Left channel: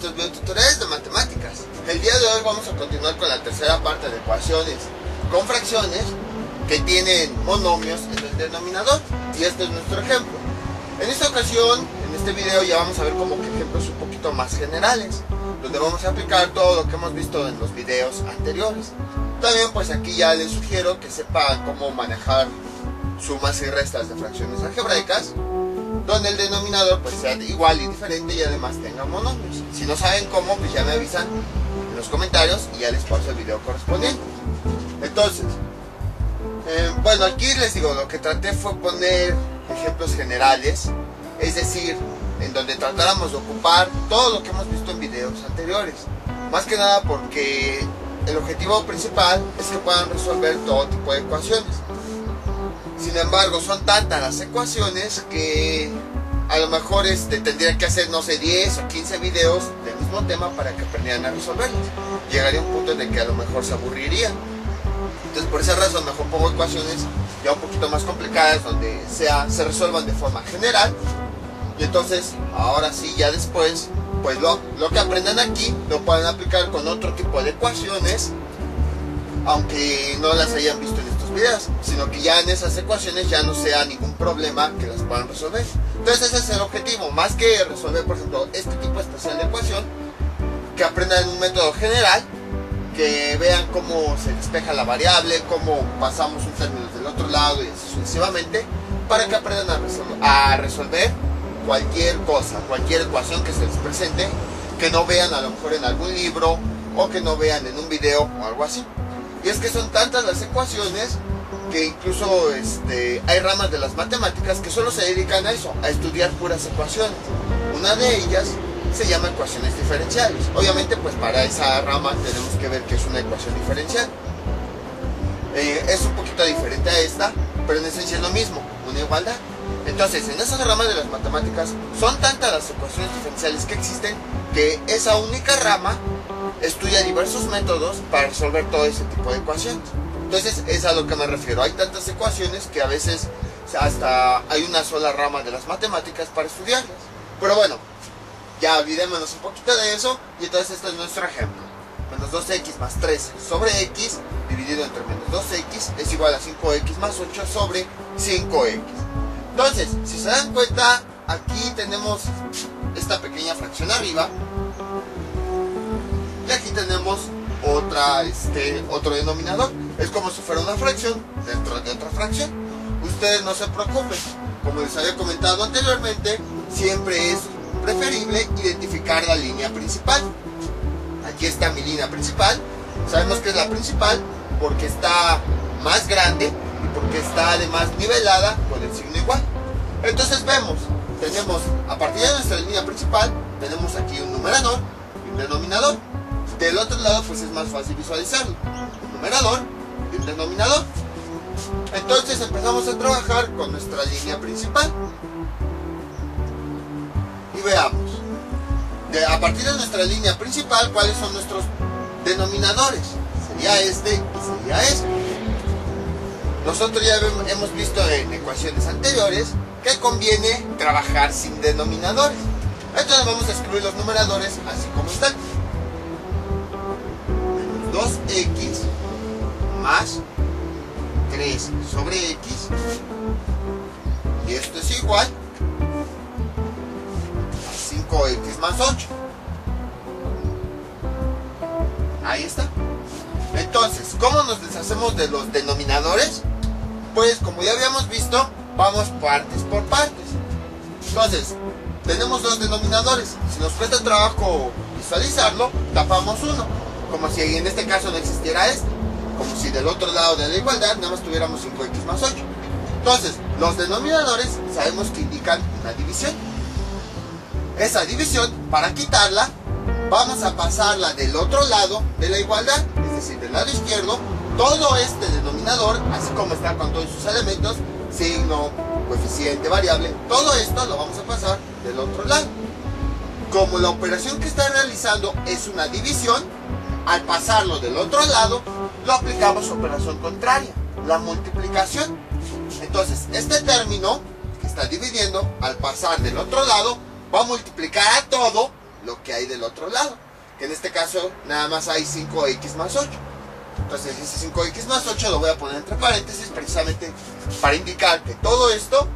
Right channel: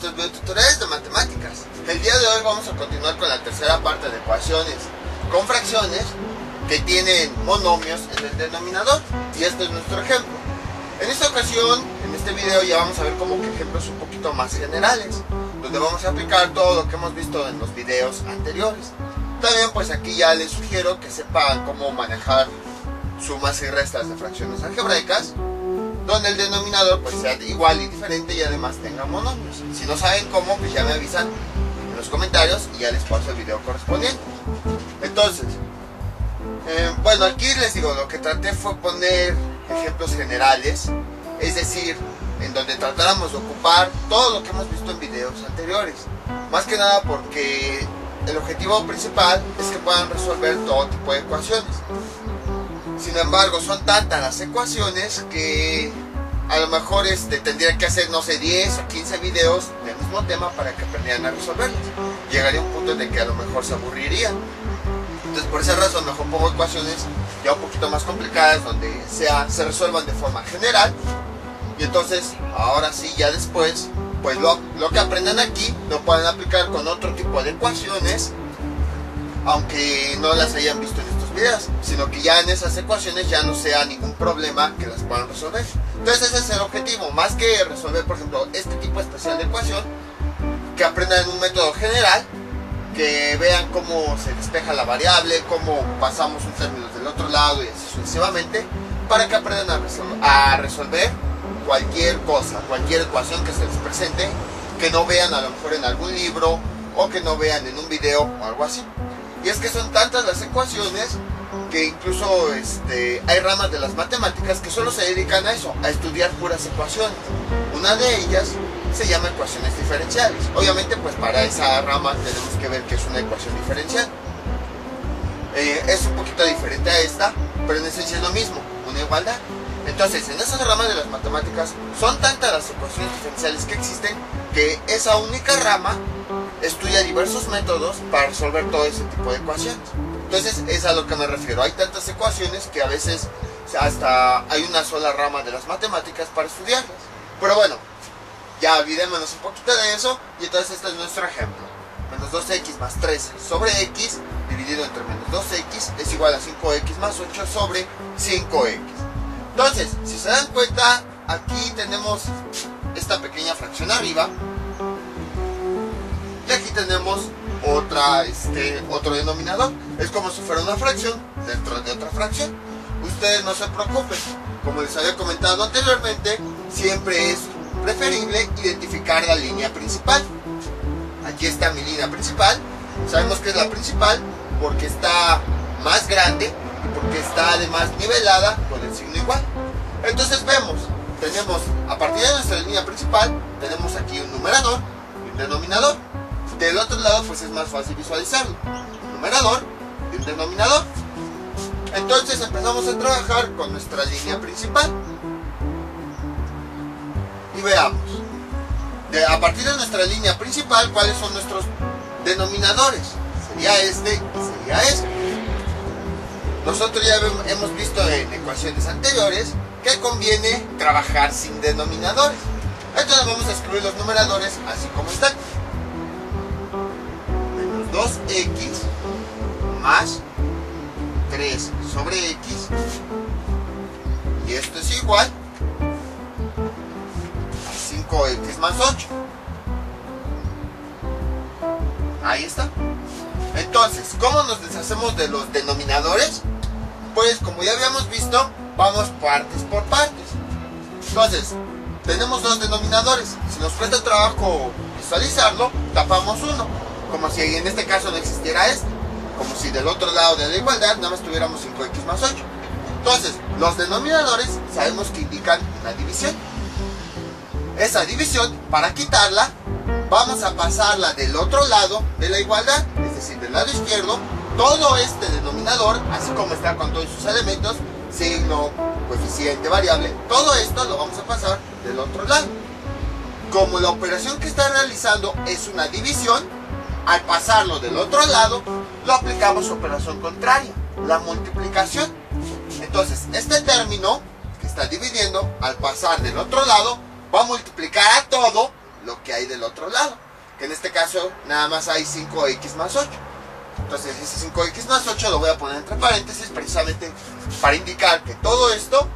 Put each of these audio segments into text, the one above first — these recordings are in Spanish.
estos videotutoriales de matemáticas. El día de hoy vamos a continuar con la tercera parte de ecuaciones con fracciones que tienen monomios en el denominador, y este es nuestro ejemplo. En esta ocasión, en este video, ya vamos a ver como que ejemplos un poquito más generales, donde vamos a aplicar todo lo que hemos visto en los videos anteriores. También pues aquí ya les sugiero que sepan cómo manejar sumas y restas de fracciones algebraicas, donde el denominador pues sea igual y diferente y además tenga monomios. Si no saben cómo, pues ya me avisan en los comentarios y ya les paso el video correspondiente. Entonces, bueno, aquí les digo, lo que traté fue poner ejemplos generales, es decir, en donde tratáramos de ocupar todo lo que hemos visto en videos anteriores. Más que nada porque el objetivo principal es que puedan resolver todo tipo de ecuaciones. Sin embargo, son tantas las ecuaciones que a lo mejor tendrían que hacer, no sé, 10 o 15 videos del mismo tema para que aprendieran a resolverlas. Llegaría un punto en el que a lo mejor se aburrirían. Entonces, por esa razón, mejor pongo ecuaciones ya un poquito más complicadas, donde se resuelvan de forma general. Y entonces, ahora sí, ya después, pues lo que aprendan aquí lo pueden aplicar con otro tipo de ecuaciones, aunque no las hayan visto en estos videos, sino que ya en esas ecuaciones ya no sea ningún problema que las puedan resolver. Entonces ese es el objetivo, más que resolver, por ejemplo, este tipo especial de ecuación, que aprendan un método general, que vean cómo se despeja la variable, cómo pasamos un término del otro lado y así sucesivamente, para que aprendan a resolver cualquier cosa, cualquier ecuación que se les presente, que no vean a lo mejor en algún libro o que no vean en un video o algo así. Y es que son tantas las ecuaciones que incluso hay ramas de las matemáticas que solo se dedican a eso, a estudiar puras ecuaciones. Una de ellas se llama ecuaciones diferenciales. Obviamente pues para esa rama tenemos que ver qué es una ecuación diferencial. Es un poquito diferente a esta, pero en esencia es lo mismo, una igualdad. Entonces, en esas ramas de las matemáticas son tantas las ecuaciones diferenciales que existen que esa única rama estudia diversos métodos para resolver todo ese tipo de ecuaciones. Entonces, es a lo que me refiero. Hay tantas ecuaciones que a veces hasta hay una sola rama de las matemáticas para estudiarlas. Pero bueno, ya olvidémonos un poquito de eso. Y entonces este es nuestro ejemplo. Menos 2x más 3 sobre x dividido entre menos 2x es igual a 5x más 8 sobre 5x. Entonces, si se dan cuenta, aquí tenemos esta pequeña fracción arriba. Y aquí tenemos otro denominador. Es como si fuera una fracción dentro de otra fracción. Ustedes no se preocupen. Como les había comentado anteriormente, siempre es preferible identificar la línea principal. Aquí está mi línea principal. Sabemos que es la principal porque está más grande y porque está además nivelada con el signo igual. Entonces tenemos a partir de nuestra línea principal, tenemos aquí un numerador y un denominador. Del otro lado pues es más fácil visualizarlo. Un numerador y un denominador. Entonces empezamos a trabajar con nuestra línea principal. Y veamos. A partir de nuestra línea principal, ¿cuáles son nuestros denominadores? Sería este y sería este. Nosotros ya hemos visto en ecuaciones anteriores que conviene trabajar sin denominadores. Entonces vamos a escribir los numeradores así como están. Menos 2x más 3 sobre x. Y esto es igual a 5x más 8. Ahí está. Entonces, ¿cómo nos deshacemos de los denominadores? Pues como ya habíamos visto, vamos partes por partes. Entonces, tenemos dos denominadores. Si nos cuesta trabajo visualizarlo, tapamos uno, como si en este caso no existiera este. Como si del otro lado de la igualdad nada más tuviéramos 5x más 8. Entonces, los denominadores sabemos que indican una división. Esa división, para quitarla, vamos a pasarla del otro lado de la igualdad, es decir, del lado izquierdo. Todo este denominador, así como está con todos sus elementos, signo, coeficiente, variable, todo esto lo vamos a pasar del otro lado. Como la operación que está realizando es una división, al pasarlo del otro lado, lo aplicamos a operación contraria, la multiplicación. Entonces, este término que está dividiendo, al pasar del otro lado, va a multiplicar a todo lo que hay del otro lado, que en este caso nada más hay 5x más 8. Entonces ese 5x más 8 lo voy a poner entre paréntesis precisamente para indicar que todo esto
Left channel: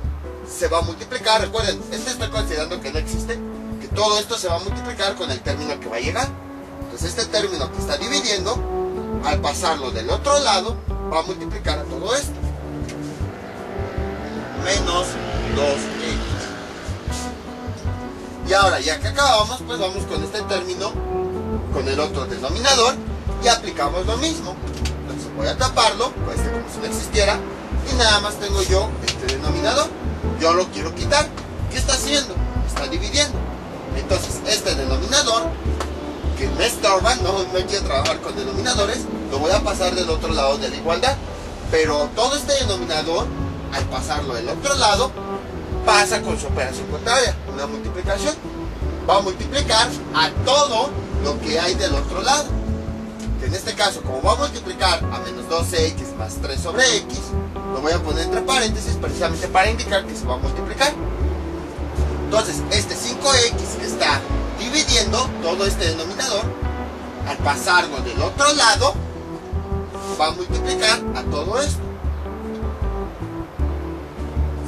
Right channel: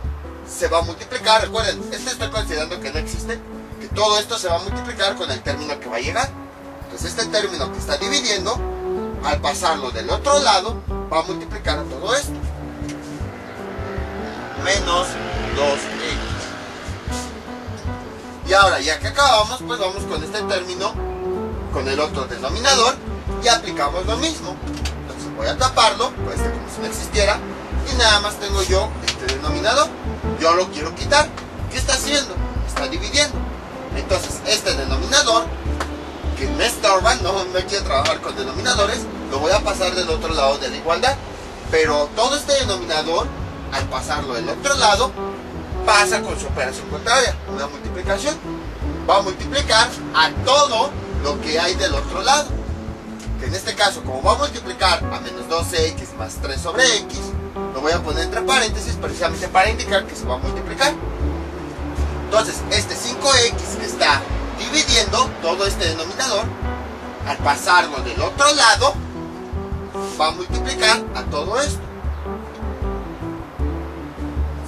se va a multiplicar. Recuerden, estoy considerando que no existe, que todo esto se va a multiplicar con el término que va a llegar. Entonces este término que está dividiendo, al pasarlo del otro lado, va a multiplicar a todo esto. Menos 2x. Y ahora, ya que acabamos, pues vamos con este término, con el otro denominador, y aplicamos lo mismo. Entonces voy a taparlo, pues como si no existiera, y nada más tengo yo este denominador. Yo lo quiero quitar. ¿Qué está haciendo? Está dividiendo. Entonces este denominador, que me estorba, no quiero trabajar con denominadores, lo voy a pasar del otro lado de la igualdad. Pero todo este denominador, al pasarlo del otro lado, pasa con su operación contraria, una multiplicación. Va a multiplicar a todo lo que hay del otro lado. Que en este caso, como va a multiplicar a menos 12x más 3 sobre x, lo voy a poner entre paréntesis precisamente para indicar que se va a multiplicar. Entonces, este 5x que está dividiendo todo este denominador, al pasarlo del otro lado, va a multiplicar a todo esto.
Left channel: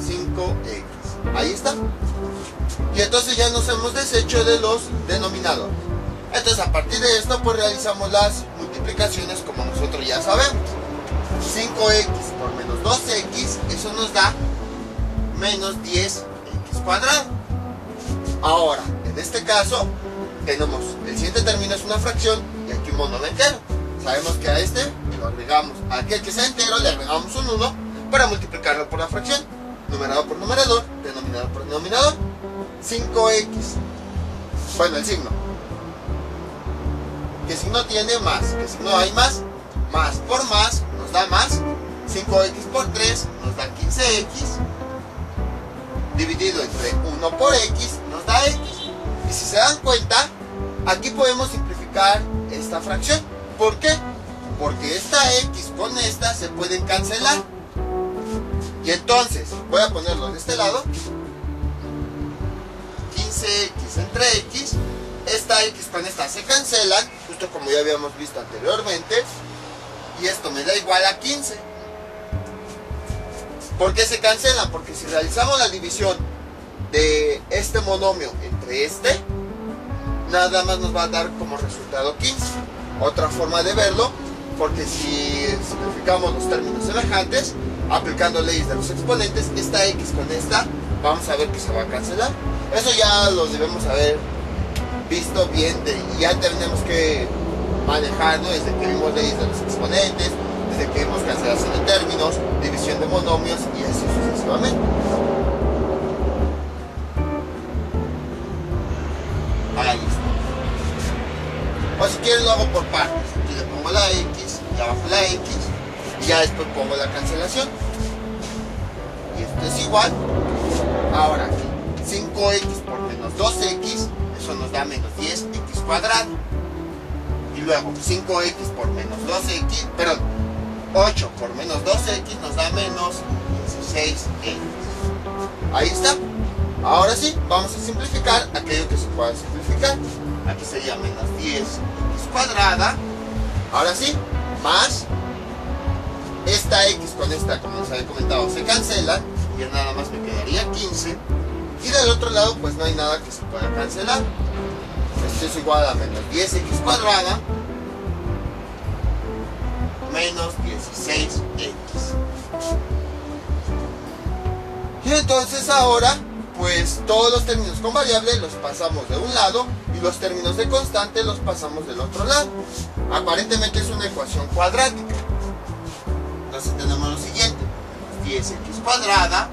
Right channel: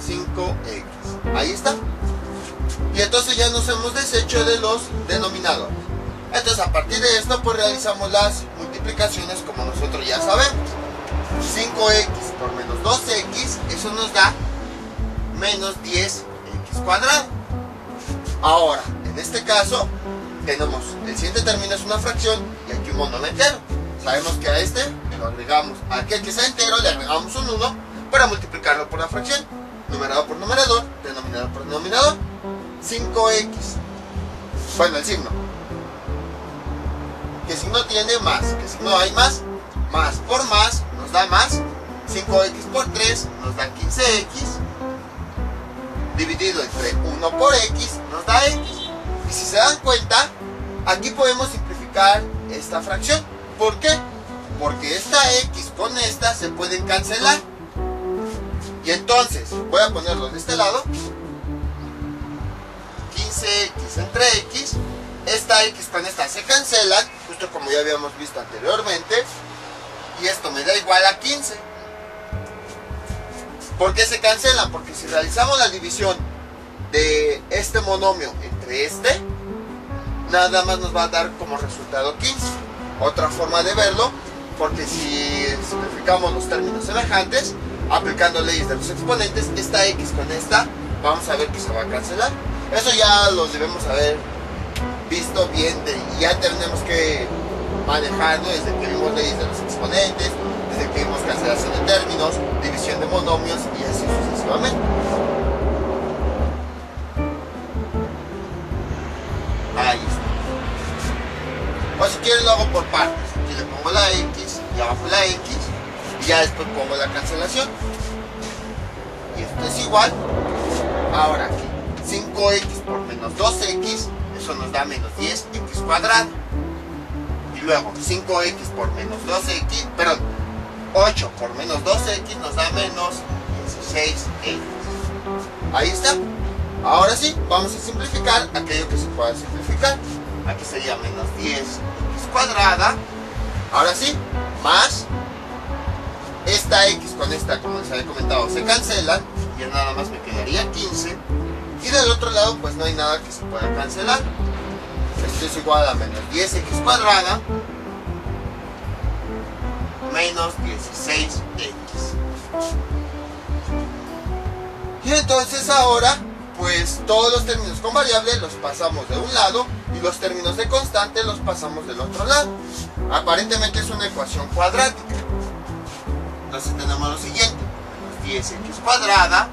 5x. Ahí está. Y entonces ya nos hemos deshecho de los denominadores. Entonces a partir de esto pues realizamos las multiplicaciones como nosotros ya sabemos. 5x por menos 2x, eso nos da menos 10x cuadrado. Ahora, en este caso tenemos, el siguiente término es una fracción y aquí un monomio entero. Sabemos que a este lo agregamos, a aquel que sea entero le agregamos un 1 para multiplicarlo por la fracción. Numerador por numerador, denominador por denominador. 5x, bueno, el signo. ¿Qué signo tiene? Más. ¿Qué signo hay? Más. Más por más nos da más. 5x por 3 nos da 15x. Dividido entre 1 por x nos da x. Y si se dan cuenta, aquí podemos simplificar esta fracción. ¿Por qué? Porque esta x con esta se pueden cancelar. Y entonces, voy a ponerlo de este lado. 15x entre x. Esta x con esta se cancelan, justo como ya habíamos visto anteriormente. Y esto me da igual a 15. ¿Por qué se cancelan? Porque si realizamos la división de este monomio entre este, nada más nos va a dar como resultado 15. Otra forma de verlo, porque si simplificamos los términos semejantes, aplicando leyes de los exponentes, esta x con esta, vamos a ver que se va a cancelar. Eso ya lo debemos haber visto bien, y ya tenemos que manejarlo desde que vimos leyes de los exponentes, desde que vimos cancelación de términos, división de monomios y así sucesivamente. Ahí está. O si quieren lo hago por partes. Aquí le pongo la x y abajo la x y ya después pongo la cancelación. Y esto es igual. Ahora aquí 5x por menos 2x, eso nos da menos 10x cuadrado. Y luego 5x por menos 2x, perdón, 8 por menos 2x nos da menos 16x. Ahí está. Ahora sí, vamos a simplificar aquello que se pueda simplificar. Aquí sería menos 10x cuadrada. Ahora sí, más esta x con esta, como les había comentado, se cancelan. Y ya nada más me quedaría 15. Y del otro lado pues no hay nada que se pueda cancelar. Esto es igual a menos 10x cuadrada menos 16x. Y entonces ahora pues todos los términos con variable los pasamos de un lado y los términos de constante los pasamos del otro lado. Aparentemente es una ecuación cuadrática. Entonces tenemos lo siguiente: 10x cuadrada.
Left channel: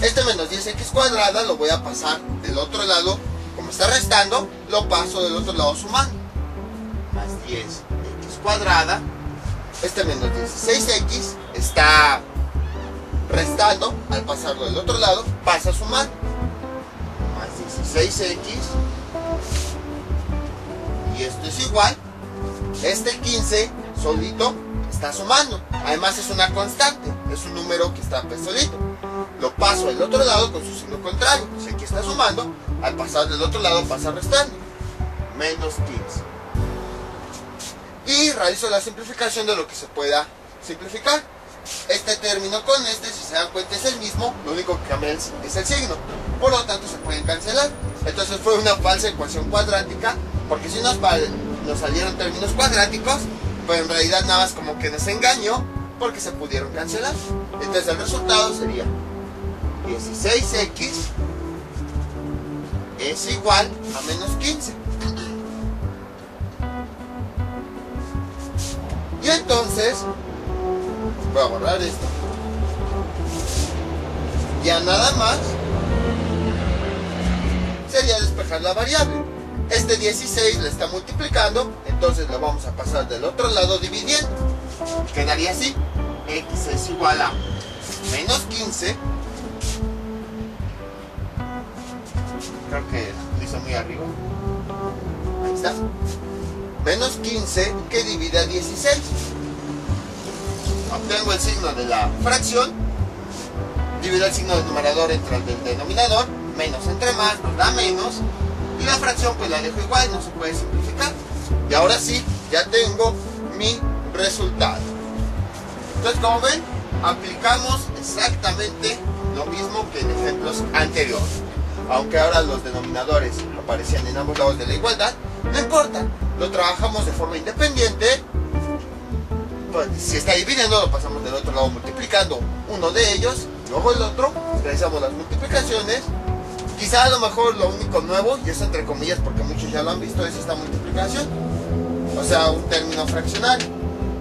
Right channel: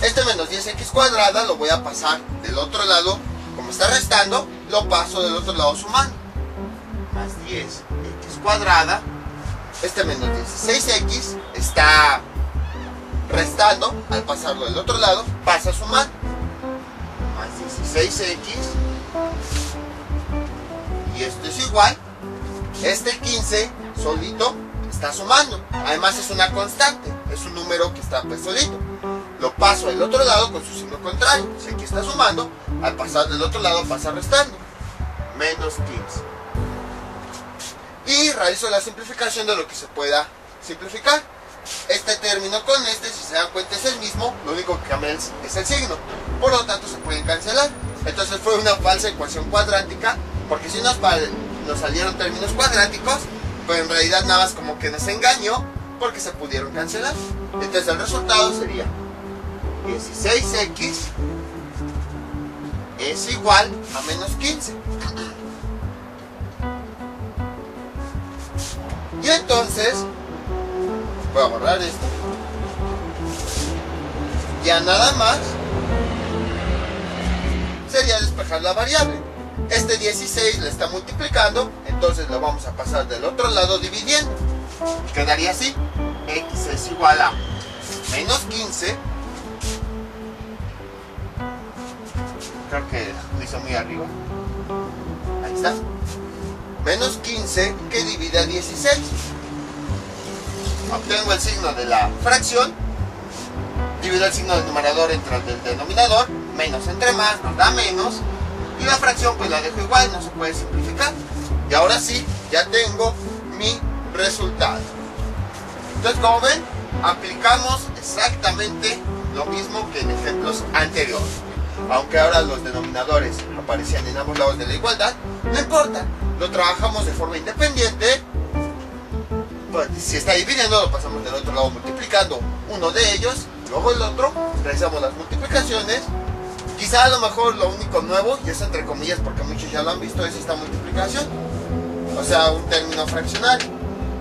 Este menos 10x cuadrada lo voy a pasar del otro lado. Como está restando, lo paso del otro lado sumando. Más 10x cuadrada. Este menos 16x está restando. Al pasarlo del otro lado, pasa sumando. Más 16x. Y esto es igual. Este 15 solito está sumando. Además es una constante. Es un número que está pues solito. Lo paso al otro lado con su signo contrario. Si aquí está sumando, al pasar del otro lado pasa restando, menos 15. Y realizo la simplificación de lo que se pueda simplificar. Este término con este, si se dan cuenta, es el mismo, lo único que cambia es el signo, por lo tanto se pueden cancelar. Entonces fue una falsa ecuación cuadrática, porque si nos salieron términos cuadráticos, pues en realidad nada más como que nos engañó, porque se pudieron cancelar. Entonces el resultado sería 16x es igual a menos 15. Y entonces voy a borrar esto. Ya nada más sería despejar la variable. Este 16 le está multiplicando, entonces lo vamos a pasar del otro lado dividiendo. Quedaría así: x es igual a menos 15. Creo que lo hice muy arriba. Ahí está. Menos 15 que divide a 16. Obtengo el signo de la fracción, divido el signo del numerador entre el del denominador, menos entre más nos da menos, y la fracción pues la dejo igual, no se puede simplificar. Y ahora sí, ya tengo mi resultado. Entonces, como ven, aplicamos exactamente lo mismo que en ejemplos anteriores. Aunque ahora los denominadores aparecían en ambos lados de la igualdad, no importa, lo trabajamos de forma independiente. Pues, si está dividiendo, lo pasamos del otro lado multiplicando uno de ellos, luego el otro, realizamos las multiplicaciones. Quizá a lo mejor lo único nuevo, y eso entre comillas porque muchos ya lo han visto, es esta multiplicación, o sea, un término fraccional.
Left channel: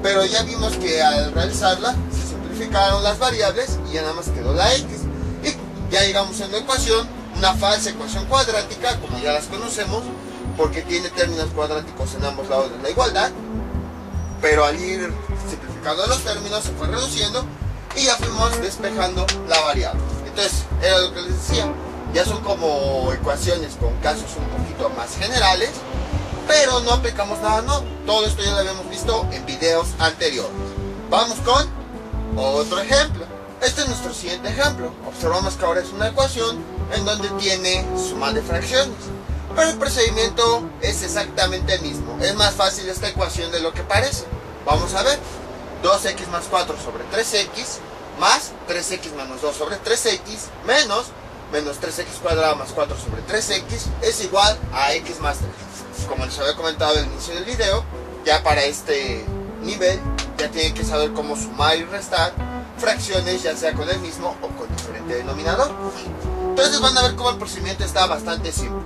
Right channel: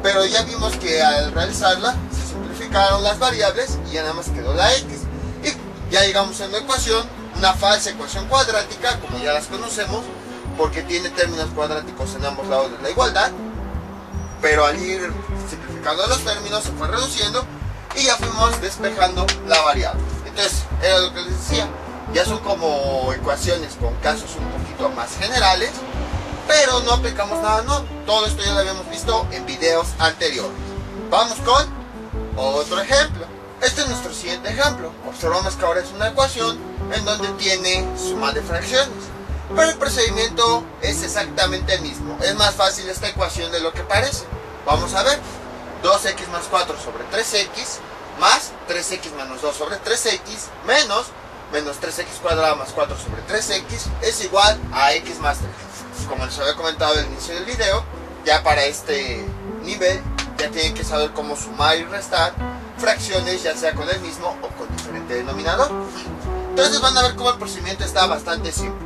Pero ya vimos que al realizarla se simplificaron las variables y ya nada más quedó la x. Y ya llegamos a una ecuación, una falsa ecuación cuadrática, como ya las conocemos, porque tiene términos cuadráticos en ambos lados de la igualdad. Pero al ir simplificando los términos se fue reduciendo y ya fuimos despejando la variable. Entonces, era lo que les decía, ya son como ecuaciones con casos un poquito más generales, pero no aplicamos nada, no. Todo esto ya lo habíamos visto en videos anteriores. Vamos con otro ejemplo. Este es nuestro siguiente ejemplo. Observamos que ahora es una ecuación en donde tiene suma de fracciones, pero el procedimiento es exactamente el mismo. Es más fácil esta ecuación de lo que parece. Vamos a ver: 2x más 4 sobre 3x más 3x menos 2 sobre 3x menos 3x cuadrado más 4 sobre 3x es igual a x más 3. Como les había comentado al inicio del video, ya para este nivel ya tienen que saber cómo sumar y restar fracciones, ya sea con el mismo o con diferente denominador. Entonces van a ver cómo el procedimiento está bastante simple.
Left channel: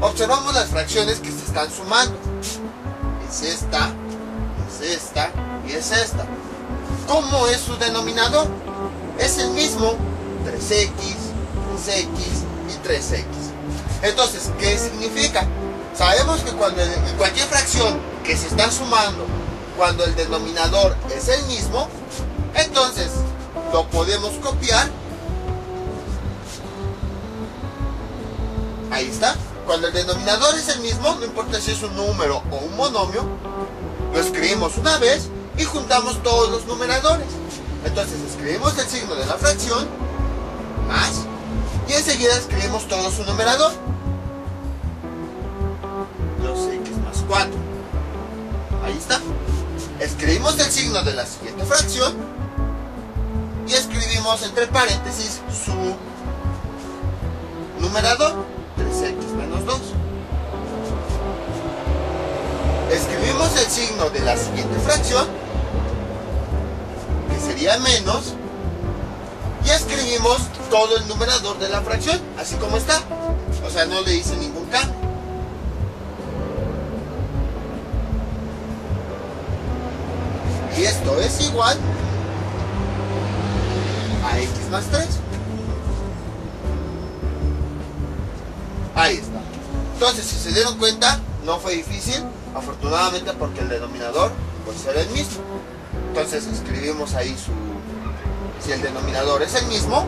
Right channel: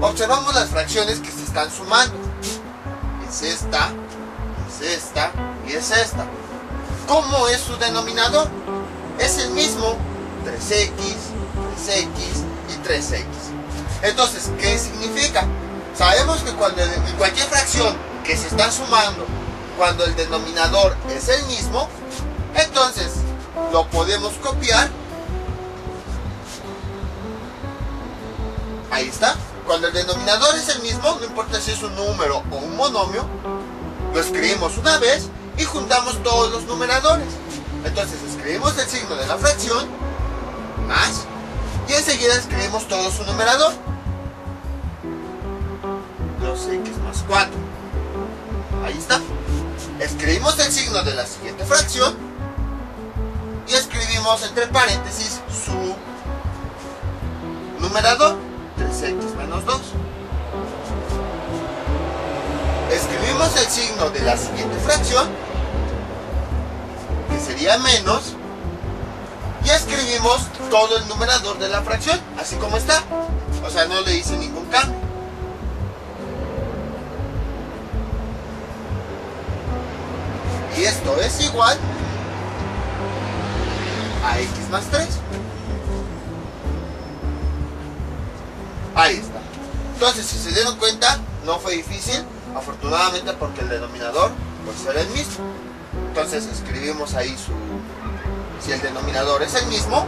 Observamos las fracciones que se están sumando. Es esta y es esta. ¿Cómo es su denominador? Es el mismo: 3x, 3x y 3x. Entonces, ¿qué significa? Sabemos que cuando en cualquier fracción que se está sumando, cuando el denominador es el mismo, entonces lo podemos copiar. Ahí está. Cuando el denominador es el mismo, no importa si es un número o un monomio, lo escribimos una vez y juntamos todos los numeradores. Entonces escribimos el signo de la fracción más y enseguida escribimos todo su numerador. Los x más 4. Ahí está. Escribimos el signo de la siguiente fracción y escribimos entre paréntesis su numerador: 3x menos 2. Escribimos el signo de la siguiente fracción, que sería menos, y escribimos todo el numerador de la fracción, así como está. O sea, no le hice ningún cambio. Y esto es igual a x más 3. Ahí está. Entonces, si se dieron cuenta, no fue difícil, afortunadamente, porque el denominador pues era el mismo. Entonces escribimos ahí si el denominador es el mismo,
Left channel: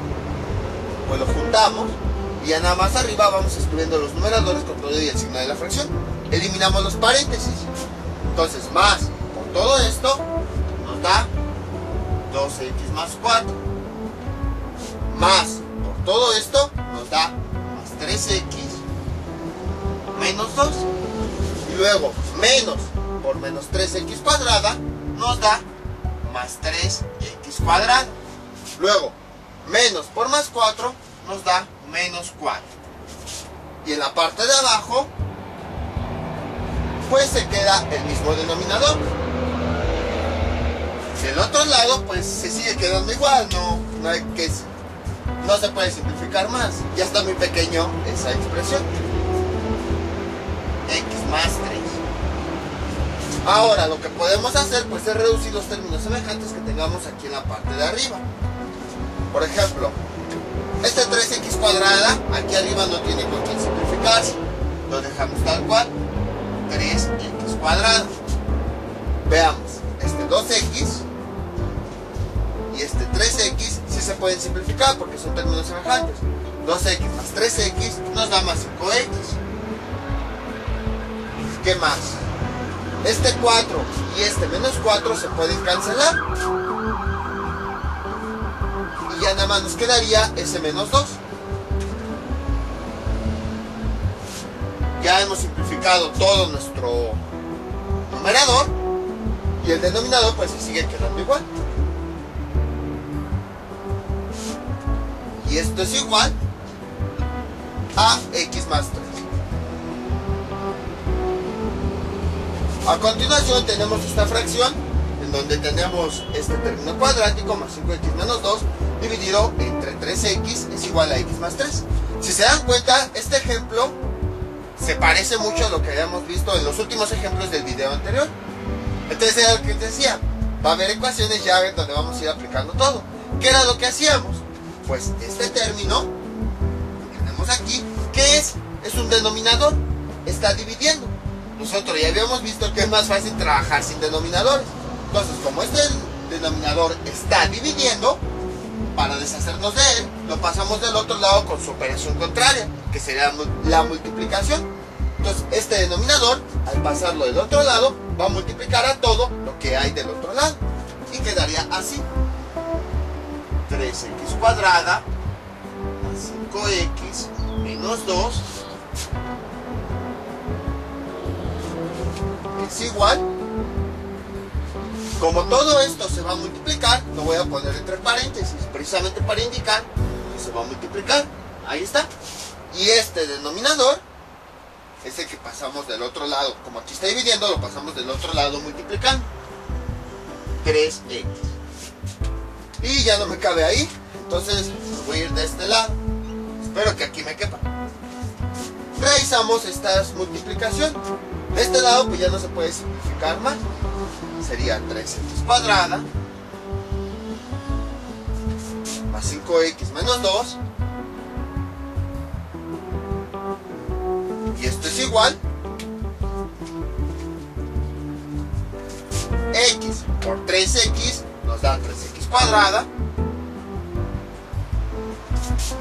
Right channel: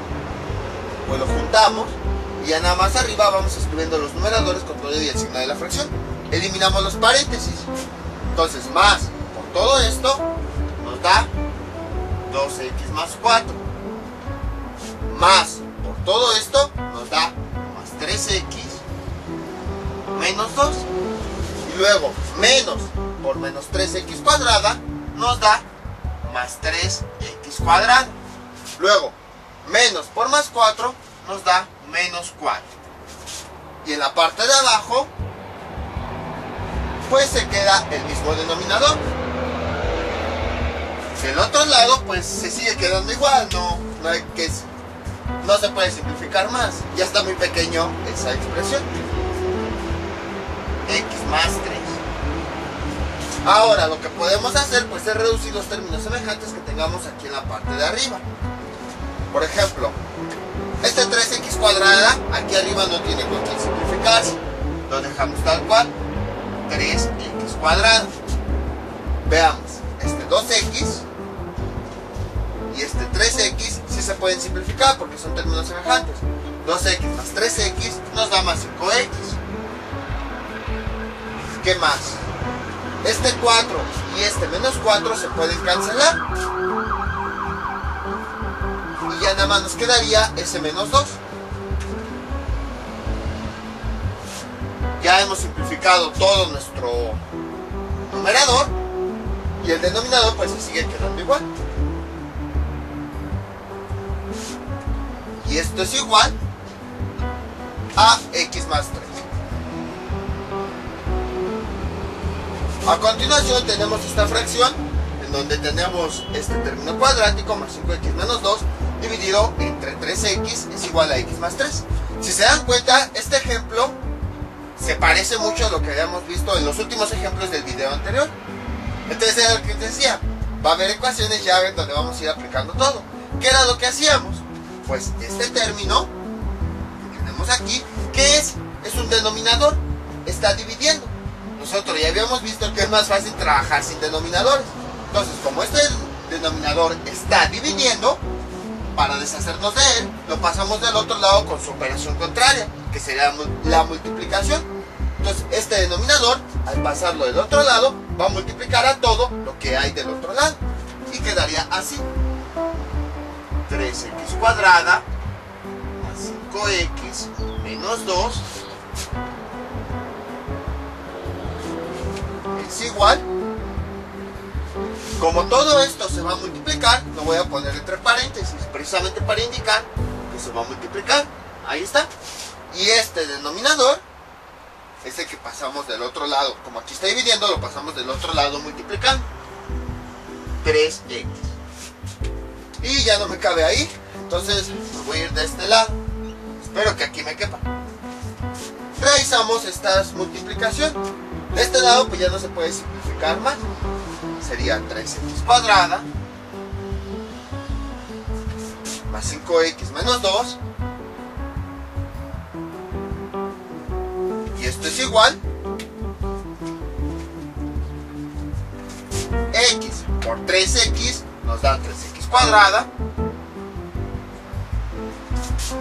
pues lo juntamos y ya nada más arriba vamos escribiendo los numeradores con todo y el signo de la fracción. Eliminamos los paréntesis. Entonces, más por todo esto nos da 2x más 4. Más por todo esto nos da más 3x menos 2. Y luego menos por menos 3x cuadrada nos da más 3x cuadrado. Luego menos por más 4 nos da menos 4. Y en la parte de abajo pues se queda el mismo denominador. Del otro lado pues se sigue quedando igual, no se puede simplificar más. Ya está muy pequeño esa expresión. X más 3. Ahora lo que podemos hacer pues es reducir los términos semejantes que tengamos aquí en la parte de arriba. Por ejemplo, este 3x cuadrada aquí arriba no tiene con qué simplificarse. Lo dejamos tal cual. 3x cuadrado. Veamos, este 2x y este 3x sí se pueden simplificar porque son términos semejantes. 2x más 3x nos da más 5x. ¿Qué más? Este 4 y este menos 4 se pueden cancelar. Y ya nada más nos quedaría ese menos 2. Ya hemos simplificado todo nuestro numerador y el denominador pues se sigue quedando igual. Y esto es igual a x más 3. A continuación tenemos esta fracción en donde tenemos este término cuadrático más 5x menos 2 dividido entre 3x es igual a x más 3. Si se dan cuenta, este ejemplo se parece mucho a lo que habíamos visto en los últimos ejemplos del video anterior. Entonces era lo que te decía, va a haber ecuaciones ya donde vamos a ir aplicando todo. ¿Qué era lo que hacíamos? Pues este término que tenemos aquí, ¿qué es? Es un denominador, está dividiendo. Nosotros ya habíamos visto que es más fácil trabajar sin denominadores. Entonces, como este denominador está dividiendo, para deshacernos de él, lo pasamos del otro lado con su operación contraria, que sería la multiplicación. Entonces, este denominador, al pasarlo del otro lado, va a multiplicar a todo lo que hay del otro lado. Y quedaría así. 3x cuadrada más 5x menos 2 es igual. Como todo esto se va a multiplicar, lo voy a poner entre paréntesis, precisamente para indicar que se va a multiplicar. Ahí está. Y este denominador es el que pasamos del otro lado. Como aquí está dividiendo, lo pasamos del otro lado multiplicando. 3x. Y ya no me cabe ahí, entonces me voy a ir de este lado. Espero que aquí me quepa. Realizamos esta multiplicación. De este lado pues ya no se puede simplificar más. Sería 3x cuadrada más 5x menos 2. Y esto es igual x por 3x nos da 3x cuadrada.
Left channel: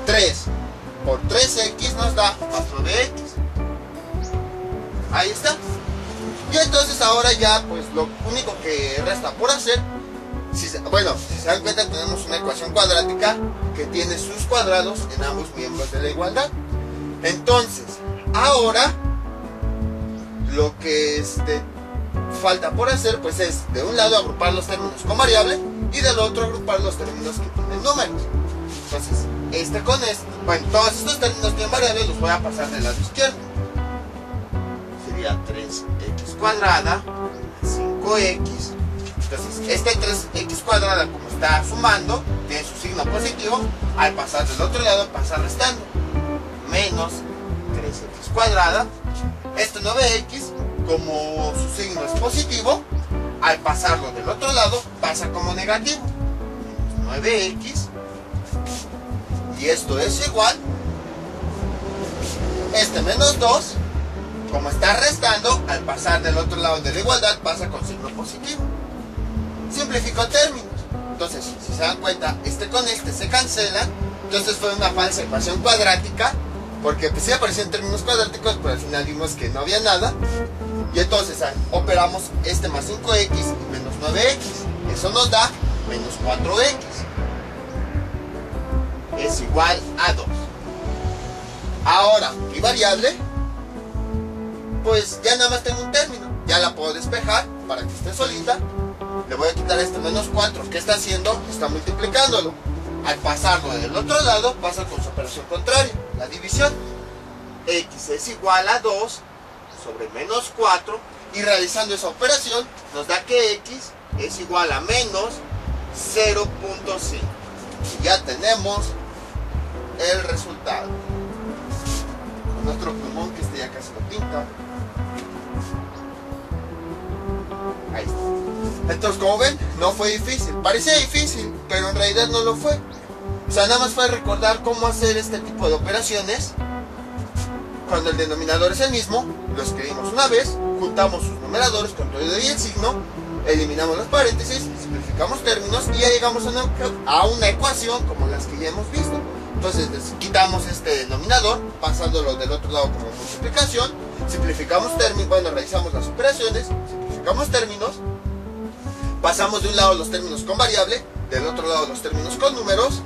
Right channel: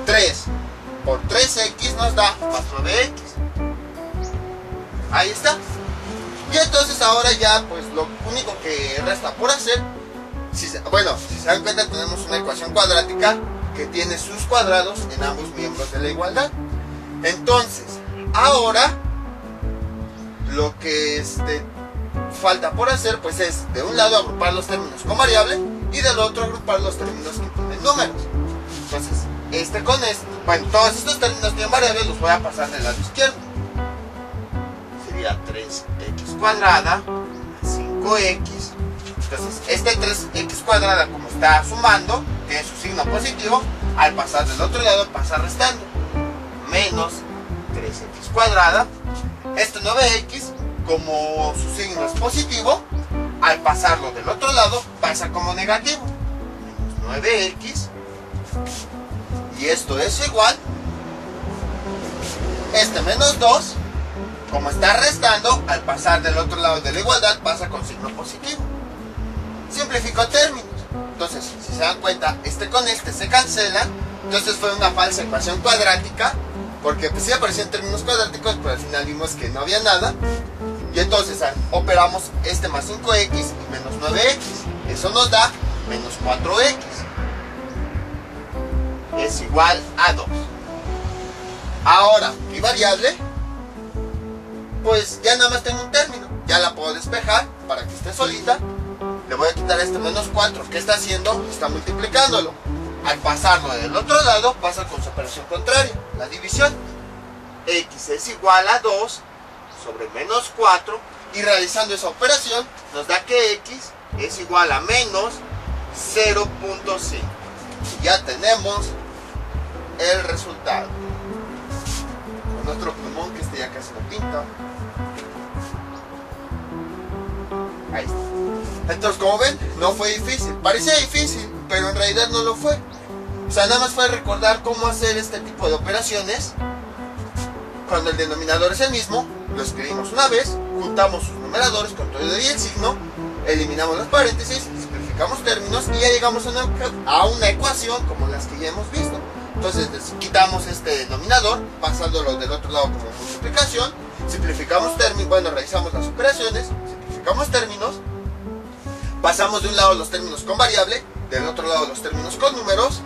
3 por 3x nos da más 9x. Ahí está. Y entonces ahora ya pues lo único que resta por hacer, si se dan cuenta, tenemos una ecuación cuadrática que tiene sus cuadrados en ambos miembros de la igualdad. Entonces ahora lo que falta por hacer pues es de un lado agrupar los términos con variable y del otro agrupar los términos que tienen números. Entonces todos estos términos tienen variables, los voy a pasar del lado izquierdo. Sería 3x cuadrada más 5x. Entonces este 3x cuadrada, como está sumando, tiene su signo positivo. Al pasar del otro lado pasa restando, menos 3x cuadrada. Este 9x, como su signo es positivo, al pasarlo del otro lado pasa como negativo, menos 9x. Y esto es igual, este menos 2, como está restando, al pasar del otro lado de la igualdad pasa con signo positivo. Simplifico términos. Entonces, si se dan cuenta, este con este se cancela. Entonces fue una falsa ecuación cuadrática, porque pues sí aparecían términos cuadráticos, pero al final vimos que no había nada. Y entonces operamos este más 5x y menos 9x. Eso nos da menos 4x. Es igual a 2. Ahora, mi variable pues ya nada más tengo un término. Ya la puedo despejar para que esté solita. Le voy a quitar este menos 4. ¿Qué está haciendo? Está multiplicándolo. Al pasarlo del otro lado, pasa con su operación contraria, la división. X es igual a 2 sobre menos 4. Y realizando esa operación, nos da que X es igual a menos 0.5. Y ya tenemos el resultado. Con nuestro plumón, que este ya casi no pinta. Ahí está. Entonces, como ven, no fue difícil. Parecía difícil, pero en realidad no lo fue. O sea, nada más fue recordar cómo hacer este tipo de operaciones. Cuando el denominador es el mismo, lo escribimos una vez, juntamos sus numeradores con todo y el signo, eliminamos los paréntesis, simplificamos términos y ya llegamos a una ecuación como las que ya hemos visto. Entonces quitamos este denominador, pasándolo del otro lado como multiplicación, simplificamos términos, bueno, realizamos las operaciones, simplificamos términos, pasamos de un lado los términos con variable, del otro lado los términos con números,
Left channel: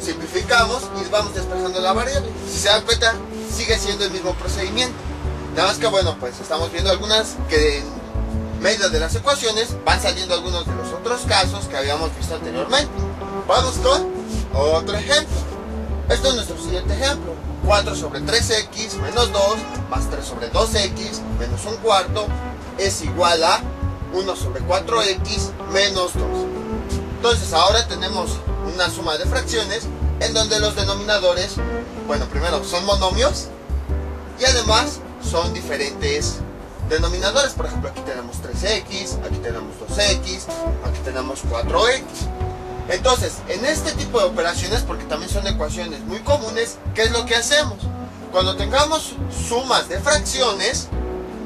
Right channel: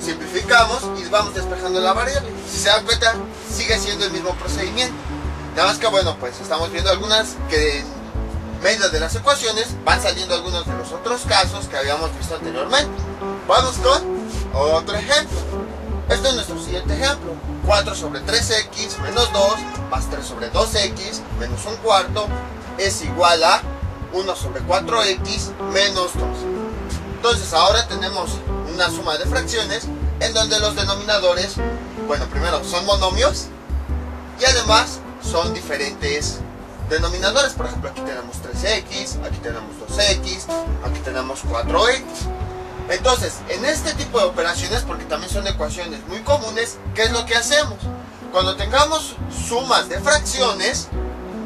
simplificamos y vamos despejando la variable. Si se dan cuenta, sigue siendo el mismo procedimiento. Nada más que bueno, pues estamos viendo algunas que en medio de las ecuaciones van saliendo algunos de los otros casos que habíamos visto anteriormente. Vamos con otro ejemplo. Este es nuestro siguiente ejemplo. 4 sobre 3x menos 2 más 3 sobre 2x menos un cuarto es igual a 1 sobre 4x menos 2. Entonces ahora tenemos una suma de fracciones en donde los denominadores, bueno, primero son monomios y además son diferentes denominadores. Por ejemplo, aquí tenemos 3x, aquí tenemos 2x, aquí tenemos 4x. Entonces, en este tipo de operaciones, porque también son ecuaciones muy comunes, ¿qué es lo que hacemos? Cuando tengamos sumas de fracciones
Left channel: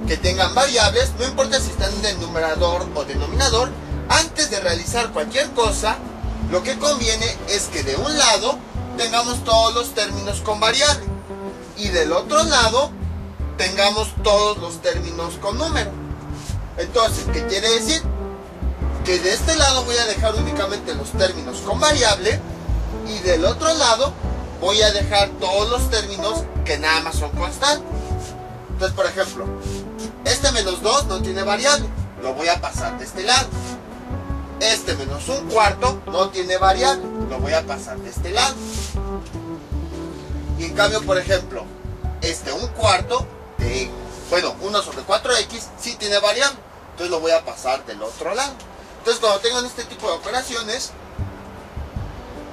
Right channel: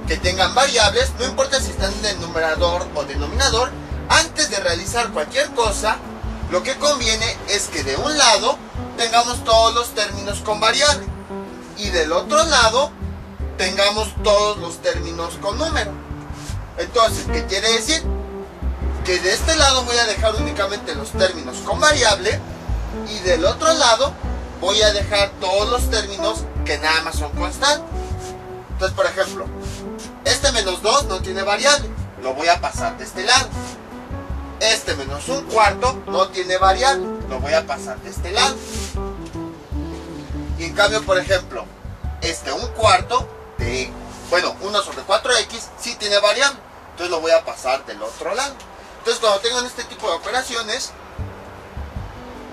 que tengan variables, no importa si están en el numerador o denominador, antes de realizar cualquier cosa, lo que conviene es que de un lado tengamos todos los términos con variable y del otro lado tengamos todos los términos con número. Entonces, ¿qué quiere decir? Que de este lado voy a dejar únicamente los términos con variable y del otro lado voy a dejar todos los términos que nada más son constantes. Entonces, por ejemplo, este menos 2 no tiene variable, lo voy a pasar de este lado. Este menos un cuarto no tiene variable, lo voy a pasar de este lado. Y en cambio, por ejemplo, este un cuarto de, bueno, 1 sobre 4x sí tiene variable, entonces lo voy a pasar del otro lado. Entonces, cuando tengan este tipo de operaciones,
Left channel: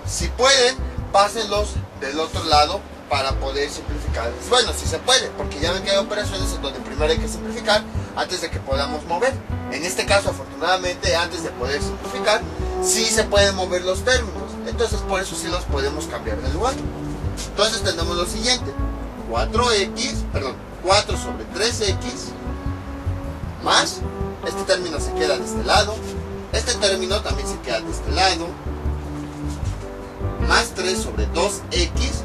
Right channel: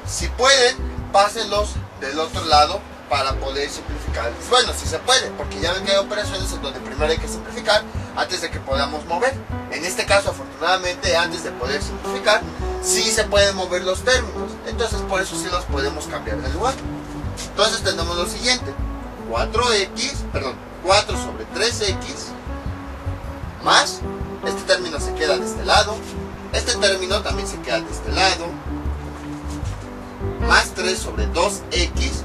si pueden, pásenlos del otro lado para poder simplificar. Bueno, si se puede, porque ya ven que hay operaciones en donde primero hay que simplificar antes de que podamos mover. En este caso, afortunadamente, antes de poder simplificar, sí se pueden mover los términos. Entonces, por eso sí los podemos cambiar de lugar. Entonces, tenemos lo siguiente. 4 sobre 3x más, este término se queda de este lado, este término también se queda de este lado, más 3 sobre 2x.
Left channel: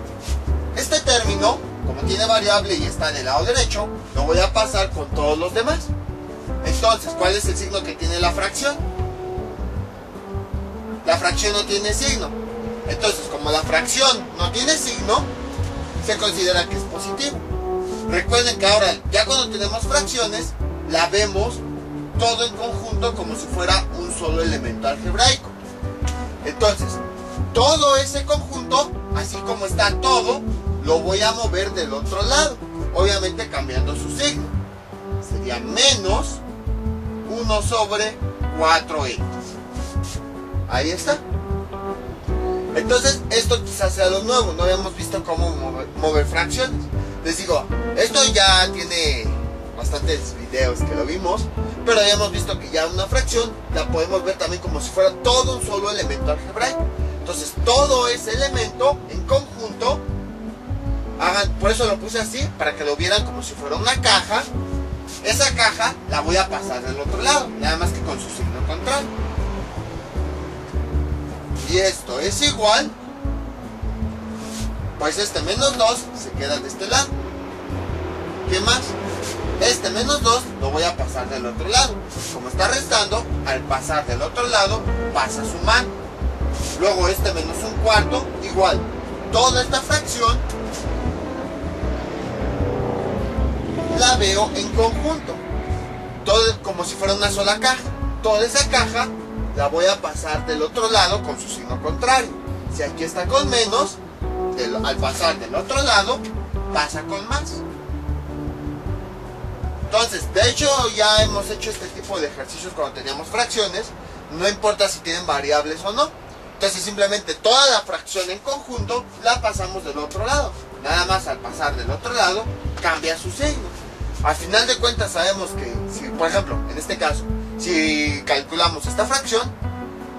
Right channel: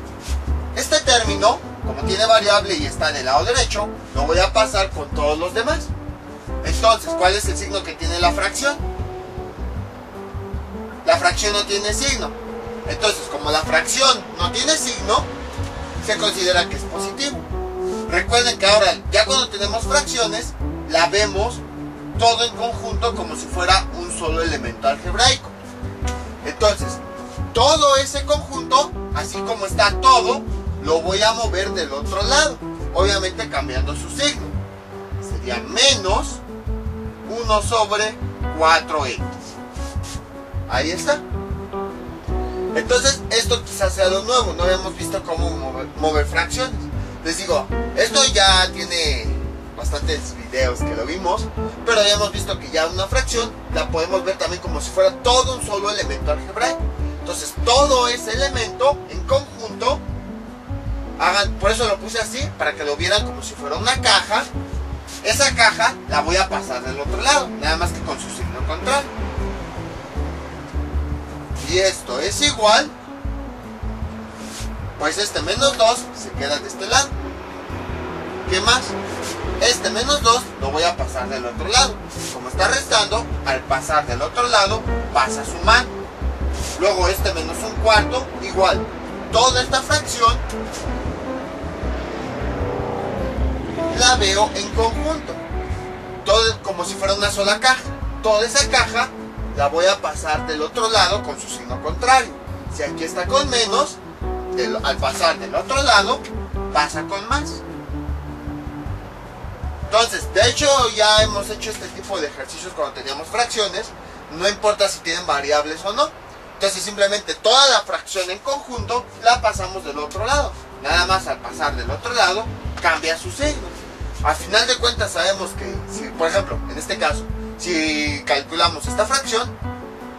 Este término, como tiene variable y está del lado derecho, lo voy a pasar con todos los demás. Entonces, ¿cuál es el signo que tiene la fracción? La fracción no tiene signo. Entonces, como la fracción no tiene signo, se considera que es positivo. Recuerden que ahora, ya cuando tenemos fracciones, la vemos todo en conjunto como si fuera un solo elemento algebraico. Entonces, todo ese conjunto, así como está todo, lo voy a mover del otro lado, obviamente cambiando su signo. Sería menos 1 sobre 4x. Ahí está. Entonces, esto quizás sea lo nuevo, no habíamos visto cómo mover fracciones. Les digo, esto ya tiene bastantes videos que lo vimos, pero habíamos visto que ya una fracción la podemos ver también como si fuera todo un solo elemento algebraico. Entonces, todo ese elemento en conjunto, por eso lo puse así, para que lo vieran como si fuera una caja. Esa caja la voy a pasar del otro lado, nada más que con su signo contrario. Y esto es igual, pues este menos 2 se queda de este lado. ¿Qué más? Este menos 2 lo voy a pasar del otro lado. Como está restando, al pasar del otro lado, pasa sumando. Luego este menos un cuarto, igual. Toda esta fracción la veo en conjunto, todo como si fuera una sola caja. Toda esa caja la voy a pasar del otro lado con su signo contrario. Si aquí está con menos, al pasar del otro lado pasa con más. Entonces, de hecho ya hemos hecho este tipo de ejercicios cuando teníamos fracciones. No importa si tienen variables o no. Entonces simplemente toda la fracción en conjunto la pasamos del otro lado. Nada más al pasar del otro lado cambia su signo. Al final de cuentas sabemos que, si, por ejemplo, en este caso, si calculamos esta fracción,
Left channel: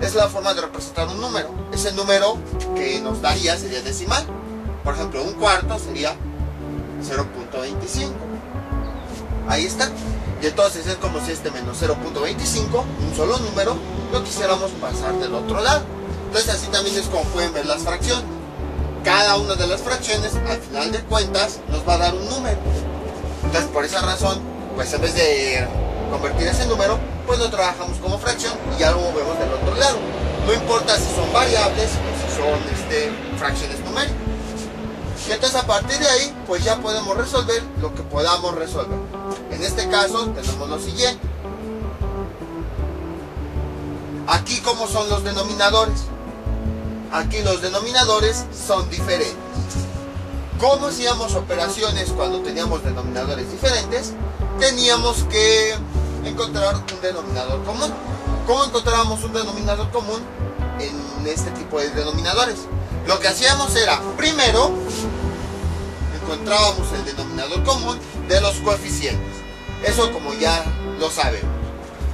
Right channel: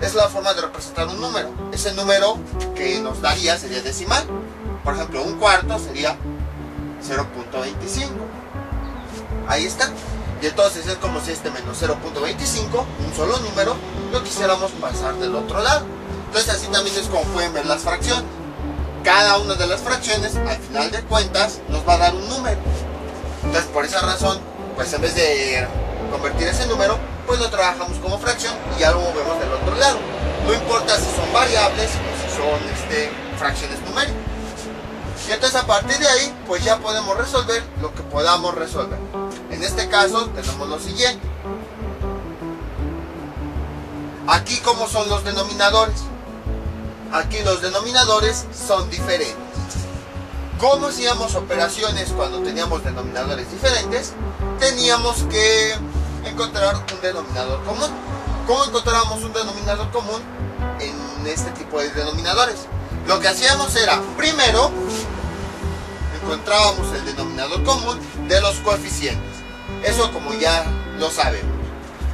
es la forma de representar un número. Ese número que nos daría sería decimal. Por ejemplo, un cuarto sería 0.25. Ahí está. Y entonces es como si este menos 0.25, un solo número, lo quisiéramos pasar del otro lado. Entonces así también es como pueden ver las fracciones. Cada una de las fracciones, al final de cuentas, nos va a dar un número. Entonces por esa razón, pues en vez de convertir ese número, pues lo trabajamos como fracción y ya lo movemos del otro lado. No importa si son variables o si son fracciones numéricas. Y entonces a partir de ahí, pues ya podemos resolver lo que podamos resolver. En este caso tenemos lo siguiente. Aquí, ¿cómo son los denominadores? Aquí los denominadores son diferentes. ¿Cómo hacíamos operaciones cuando teníamos denominadores diferentes? Teníamos que encontrar un denominador común. ¿Cómo encontrábamos un denominador común en este tipo de denominadores? Lo que hacíamos era, primero, encontrábamos el denominador común de los coeficientes. Eso como ya lo sabemos.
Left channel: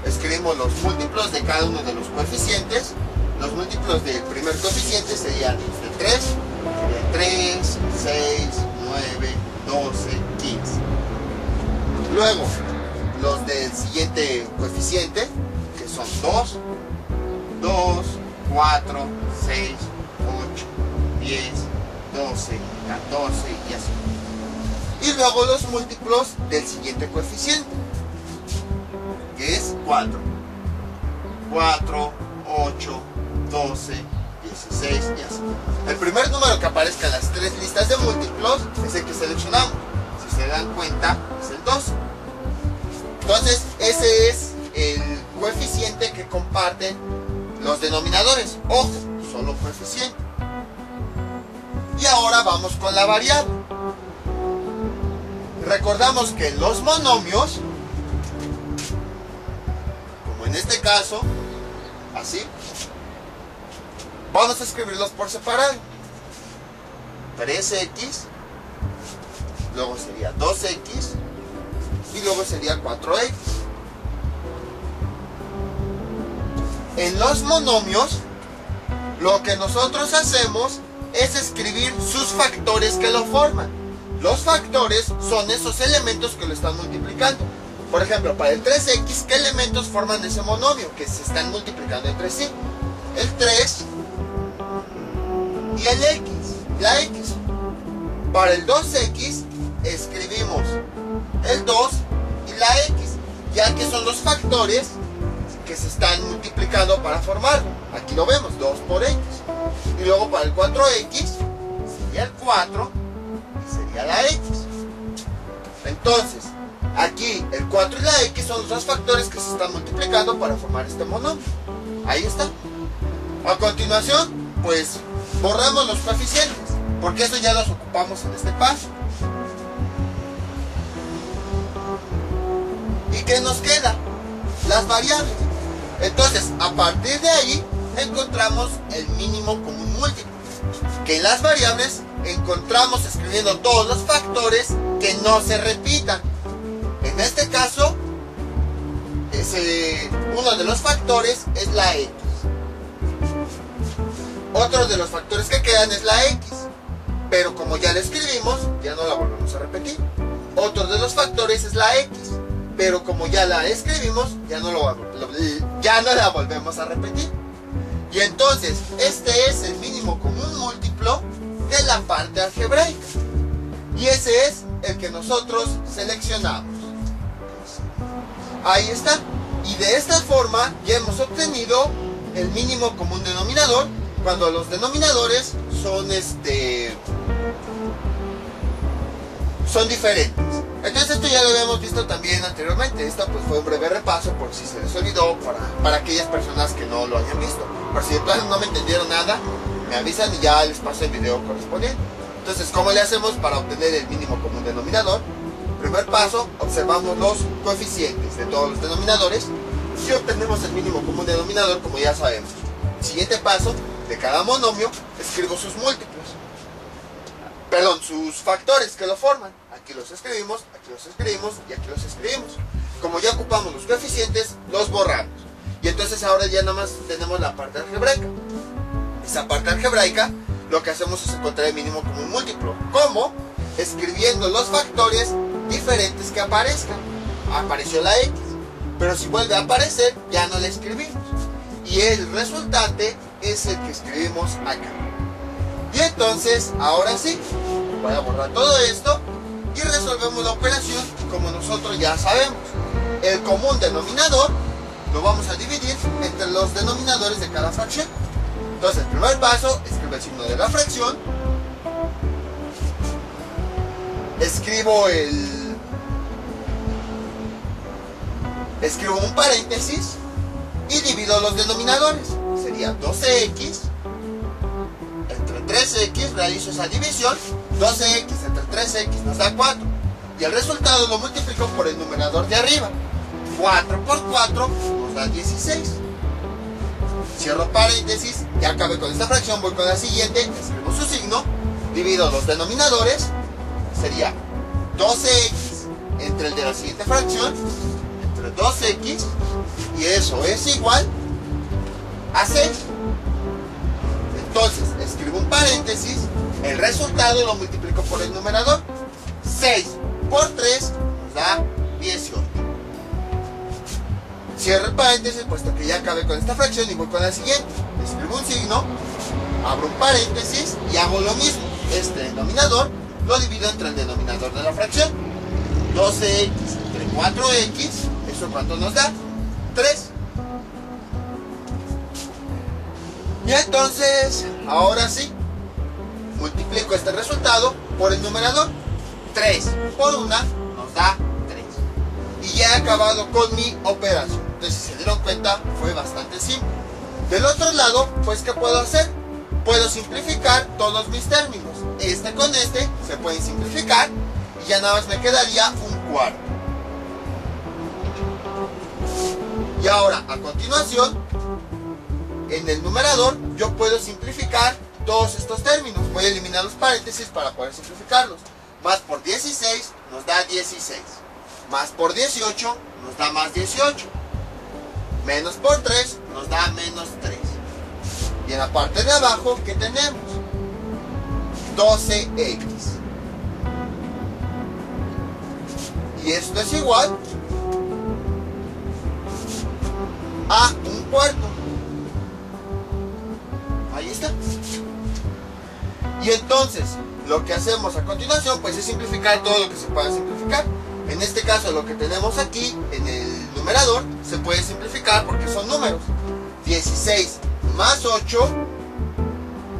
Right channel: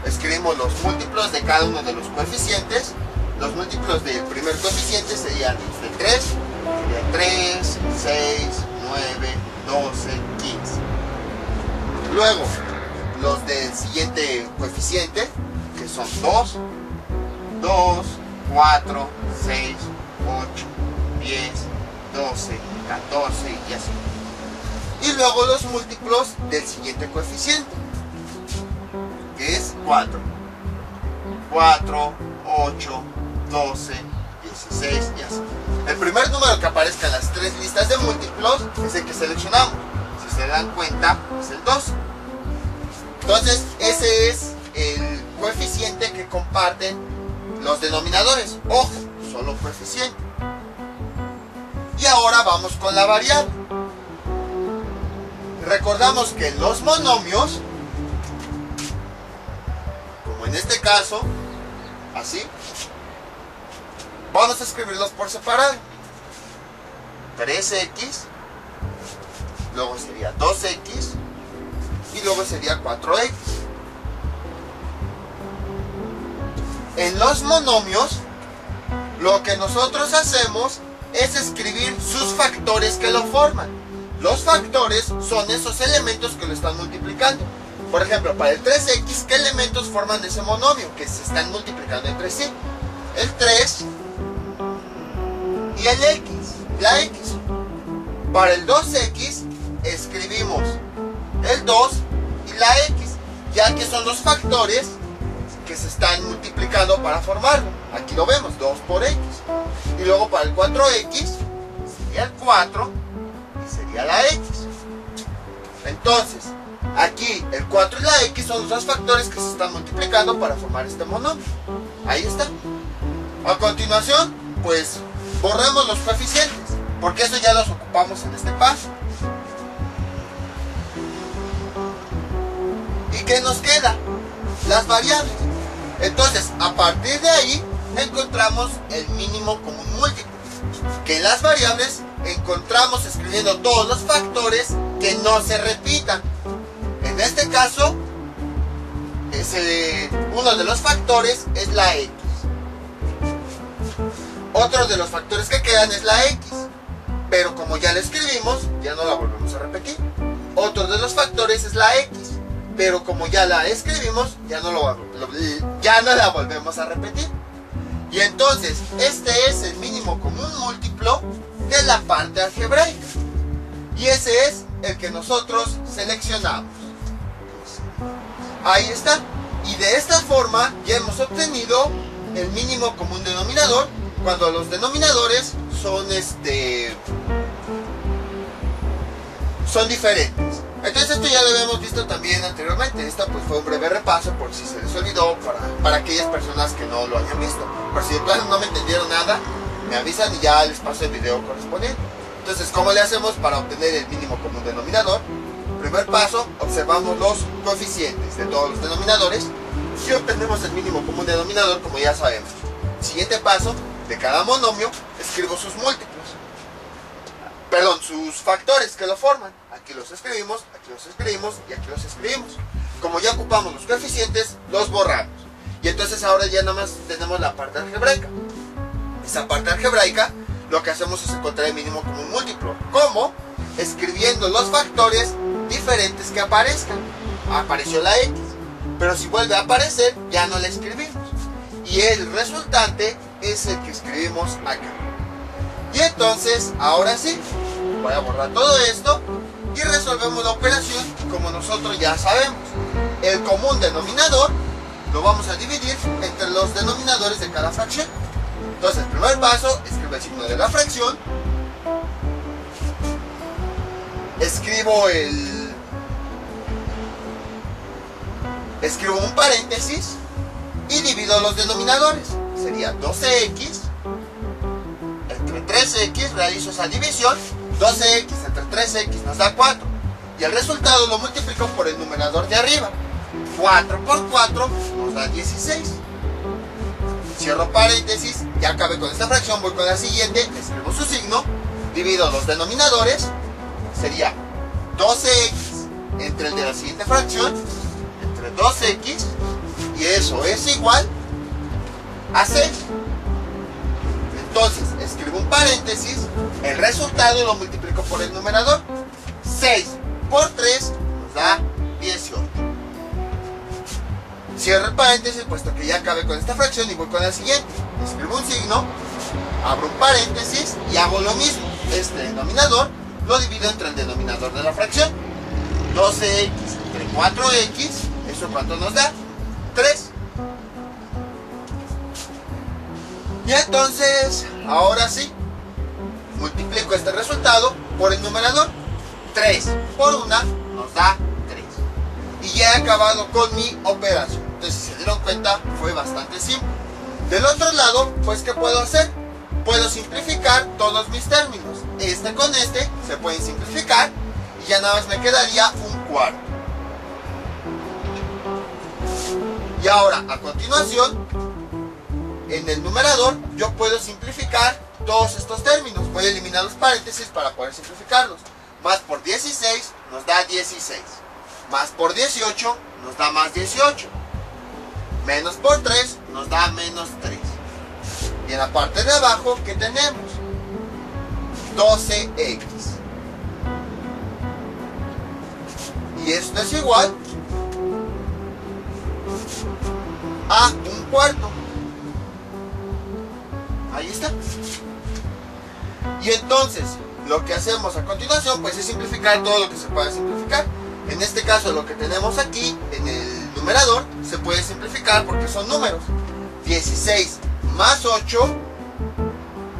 Escribimos los múltiplos de cada uno de los coeficientes. Los múltiplos del primer coeficiente serían los de 3, serían 3, 6, 9, 12, 15. Luego, los del siguiente coeficiente, que son 2, 2, 4, 6, 8, 10, 12, 14 y así. Y luego los múltiplos del siguiente coeficiente, que es 4, 4, 8, 12, 16 y así. El primer número que aparezca en las tres listas de múltiplos es el que seleccionamos. Si se dan cuenta, es el 2. Entonces, ese es el coeficiente que comparten los denominadores. Ojo, solo coeficiente. Y ahora vamos con la variable. Recordamos que los monomios, como en este caso, así, vamos a escribirlos por separado. 3x, luego sería 2x y luego sería 4x. En los monomios, lo que nosotros hacemos es escribir sus factores que lo forman. Los factores son esos elementos que lo están multiplicando. Por ejemplo, para el 3x, ¿qué elementos forman ese monomio que se están multiplicando entre sí? El 3 y el x, la x. Para el 2x escribimos el 2 y la x, ya que son los factores que se están multiplicando para formarlo. Aquí lo vemos, 2 por x. Y luego para el 4x sería el 4 y sería la x. Entonces, aquí el 4 y la x son los dos factores que se están multiplicando para formar este monomio. Ahí está. A continuación, pues borramos los coeficientes, porque eso ya los ocupamos en este paso. ¿Y qué nos queda? Las variables. Entonces, a partir de ahí, encontramos el mínimo común múltiplo, que en las variables encontramos escribiendo todos los factores que no se repitan. En este caso, uno de los factores es la x. Otro de los factores que quedan es la x, pero como ya la escribimos, ya no la volvemos a repetir. Otro de los factores es la x, pero como ya la escribimos, ya no la volvemos a repetir. Y entonces, este es el mínimo común múltiplo de la parte algebraica. Y ese es el que nosotros seleccionamos. Ahí está. Y de esta forma ya hemos obtenido el mínimo común denominador cuando los denominadores son diferentes. Entonces esto ya lo habíamos visto también anteriormente. Esto pues fue un breve repaso por si se les olvidó para aquellas personas que no lo hayan visto. Por si de plano no me entendieron nada, me avisan y ya les paso el video correspondiente. Entonces, ¿cómo le hacemos para obtener el mínimo común denominador? Primer paso, observamos los coeficientes de todos los denominadores y obtenemos el mínimo común denominador, como ya sabemos. Siguiente paso, de cada monomio escribo sus múltiplos. Perdón, sus factores que lo forman. Aquí los escribimos y aquí los escribimos. Como ya ocupamos los coeficientes, los borramos. Y entonces ahora ya nada más tenemos la parte algebraica. Esa parte algebraica, lo que hacemos es encontrar el mínimo común múltiplo. ¿Cómo? Escribiendo los factores diferentes que aparezcan. Apareció la X, pero si vuelve a aparecer, ya no la escribimos. Y el resultante es el que escribimos acá. Y entonces, ahora sí, voy a borrar todo esto y resolvemos la operación como nosotros ya sabemos. El común denominador lo vamos a dividir entre los denominadores de cada fracción. Entonces, el primer paso, escribo el signo de la fracción. Escribo un paréntesis y divido los denominadores. Sería 12x entre 3x, realizo esa división. 12x entre 3x nos da 4. Y el resultado lo multiplico por el numerador de arriba. 4 por 4 nos da 16. Cierro paréntesis, ya acabé con esta fracción, voy con la siguiente, escribo su signo, divido los denominadores, sería 12x entre el de la siguiente fracción, entre 2x, y eso es igual a 6. Entonces, escribo un paréntesis, el resultado lo multiplico por el numerador. 6 por 3 nos da 18. Cierro el paréntesis, puesto que ya acabé con esta fracción y voy con la siguiente. Escribo un signo, abro un paréntesis y hago lo mismo. Este denominador lo divido entre el denominador de la fracción. 12x entre 4x, ¿eso cuánto nos da? 3. Y entonces, ahora sí, multiplico este resultado por el numerador. 3 por 1 nos da 3. Y ya he acabado con mi operación. Entonces, si se dieron cuenta, fue bastante simple. Del otro lado, pues, ¿qué puedo hacer? Puedo simplificar todos mis términos. Este con este se pueden simplificar y ya nada más me quedaría un cuarto. Y ahora, a continuación, en el numerador, yo puedo simplificar todos estos términos. Voy a eliminar los paréntesis para poder simplificarlos. Más por 16 nos da 16. Más por 18 nos da más 18. Menos por 3 nos da menos 3. Y en la parte de abajo, ¿qué tenemos? 12x. Y esto es igual a un cuarto. Ahí está. Y entonces, lo que hacemos a continuación, pues es simplificar todo lo que se pueda simplificar. En este caso, lo que tenemos aquí en el numerador se puede simplificar porque son números. 16 más 8,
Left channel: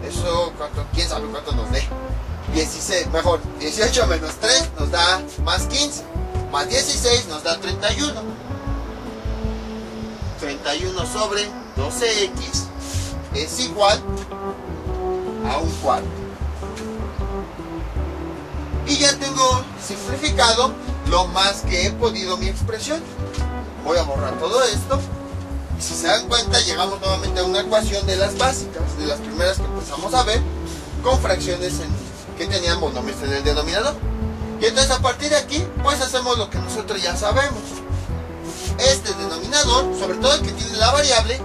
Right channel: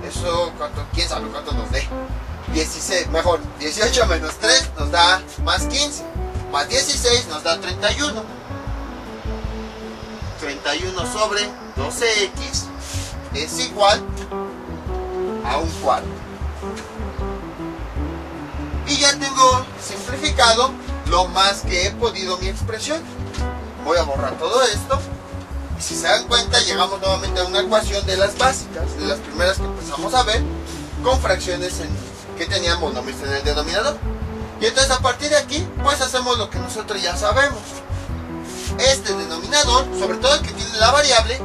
eso, ¿quién sabe cuánto nos dé? 18 menos 3 nos da más 15, más 16 nos da 31. 31 sobre 12x es igual a un cuarto. Y ya tengo simplificado lo más que he podido mi expresión. Voy a borrar todo esto. Y si se dan cuenta, llegamos nuevamente a una ecuación de las básicas, de las primeras que empezamos a ver, con fracciones que tenían monomios en el denominador. Y entonces a partir de aquí, pues hacemos lo que nosotros ya sabemos. Este denominador, sobre todo el que tiene la variable,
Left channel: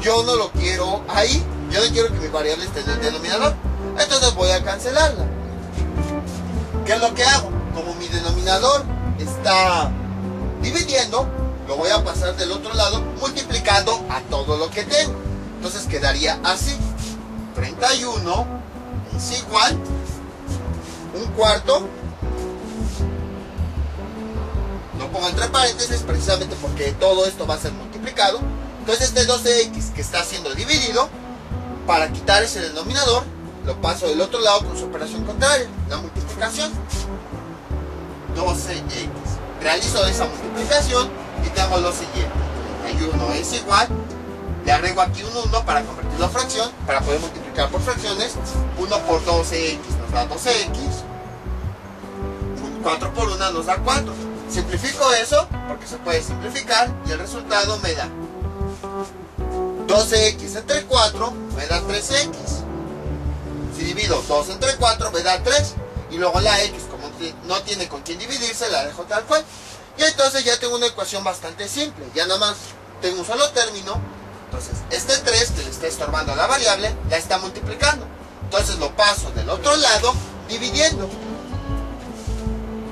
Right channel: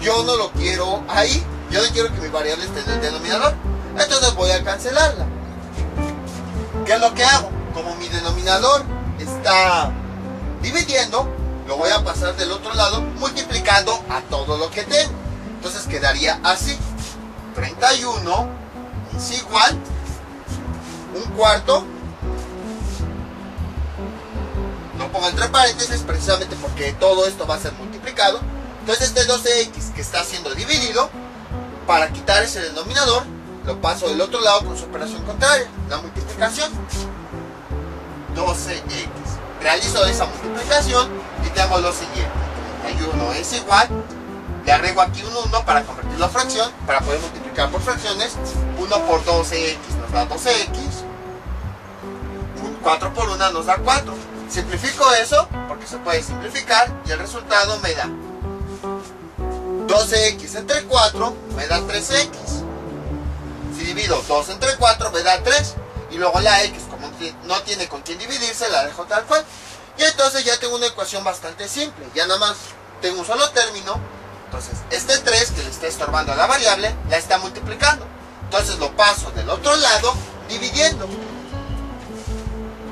yo no lo quiero ahí. Yo no quiero que mi variable esté en el denominador. Entonces voy a cancelarla. ¿Qué es lo que hago? Como mi denominador está dividiendo, lo voy a pasar del otro lado multiplicando a todo lo que tengo. Entonces quedaría así. 31 es igual un cuarto. Lo pongo entre paréntesis precisamente porque todo esto va a ser multiplicado. Entonces este 12x que está siendo dividido, para quitar ese denominador, lo paso del otro lado con su operación contraria, la multiplicación. 12x. Realizo esa multiplicación y tengo lo siguiente. 31 es igual, le agrego aquí un 1 para convertirlo a fracción, para poder multiplicar por fracciones. 1 por 12x nos da 12x, 4 por 1 nos da 4. Simplifico eso porque se puede simplificar y el resultado me da 12x entre 4 me da 3x. Si divido 2 entre 4 me da 3. Y luego la x, como no tiene con quién dividirse, la dejo tal cual. Y entonces ya tengo una ecuación bastante simple. Ya nada más tengo un solo término. Entonces este 3 que le está estorbando a la variable la está multiplicando. Entonces lo paso del otro lado dividiendo.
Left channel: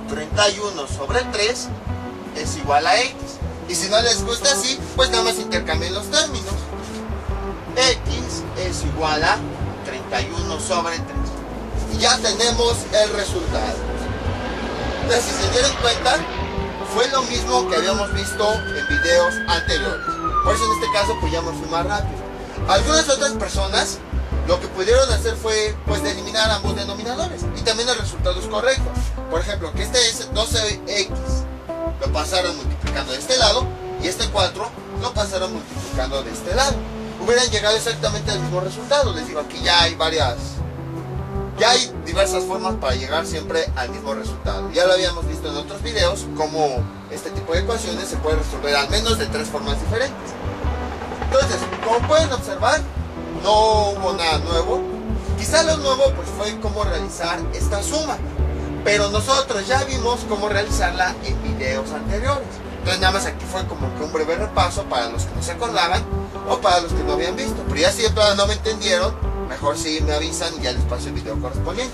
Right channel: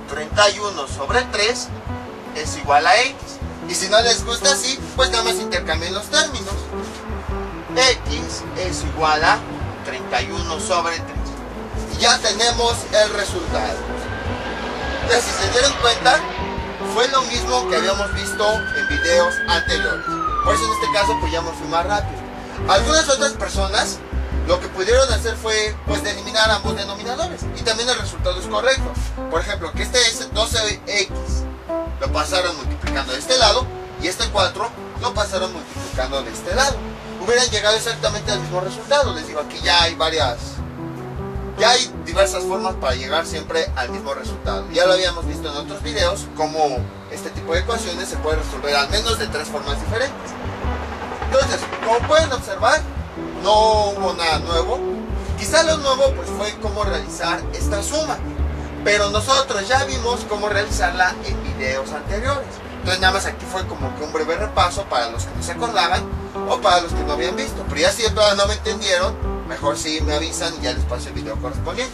31 sobre 3 es igual a x. Y si no les gusta así, pues nada más intercambien los términos. X es igual a 31 sobre 3. Y ya tenemos el resultado. Entonces, si se dieron cuenta, fue lo mismo que habíamos visto en videos anteriores. Por eso en este caso pues ya me fui más rápido. Algunas otras personas lo que pudieron hacer fue pues de eliminar ambos denominadores. Y también el resultado es correcto. Por ejemplo, que este es 12x lo pasaron multiplicando de este lado y este 4 lo pasaron multiplicando de este lado. Hubieran llegado exactamente al mismo resultado. Les digo, aquí ya hay diversas formas para llegar siempre al mismo resultado. Ya lo habíamos visto en otros videos, cómo este tipo de ecuaciones se puede resolver al menos de 3 formas diferentes. Entonces, como pueden observar, no hubo nada nuevo. Quizá lo nuevo pues fue cómo realizar esta suma, pero nosotros ya vimos cómo realizarla en videos anteriores. Entonces nada más aquí fue como que un breve repaso para los que no se acordaban o para los que no habían visto. Pero ya si todavía no me entendieron, mejor si me avisan y ya les paso el video correspondiente.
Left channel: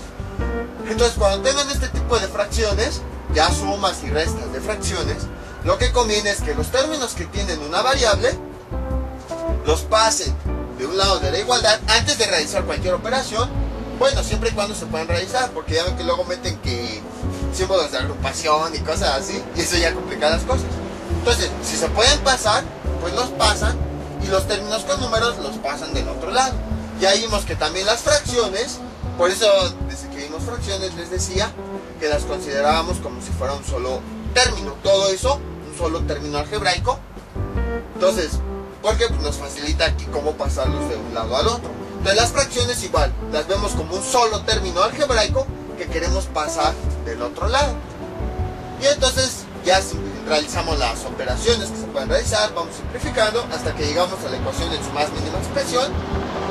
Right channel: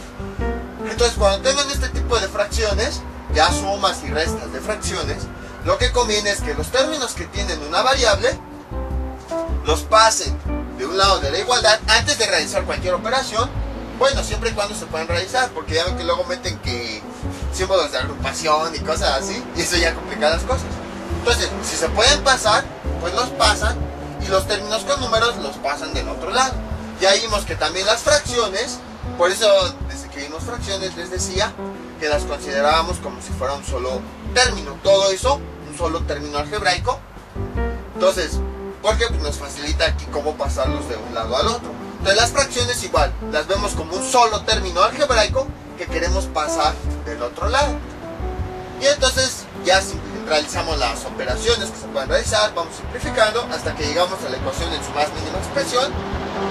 Entonces cuando tengan este tipo de fracciones, ya sumas y restas de fracciones, lo que conviene es que los términos que tienen una variable los pasen de un lado de la igualdad antes de realizar cualquier operación. Bueno, siempre y cuando se puedan realizar, porque ya ven que luego meten que símbolos de agrupación y cosas así, y eso ya complica las cosas. Entonces, si se pueden pasar, pues los pasan, y los términos con números los pasan del otro lado. Ya vimos que también las fracciones, por eso desde que vimos fracciones les decía que las considerábamos como si fuera un solo término, todo eso, un solo término algebraico. Entonces, porque pues nos facilita aquí cómo pasarlos de un lado al otro. Entonces las fracciones igual, las vemos como un solo término algebraico que queremos pasar del otro lado. Y entonces ya realizamos las operaciones que se pueden realizar, vamos simplificando hasta que llegamos a la ecuación en su más mínima expresión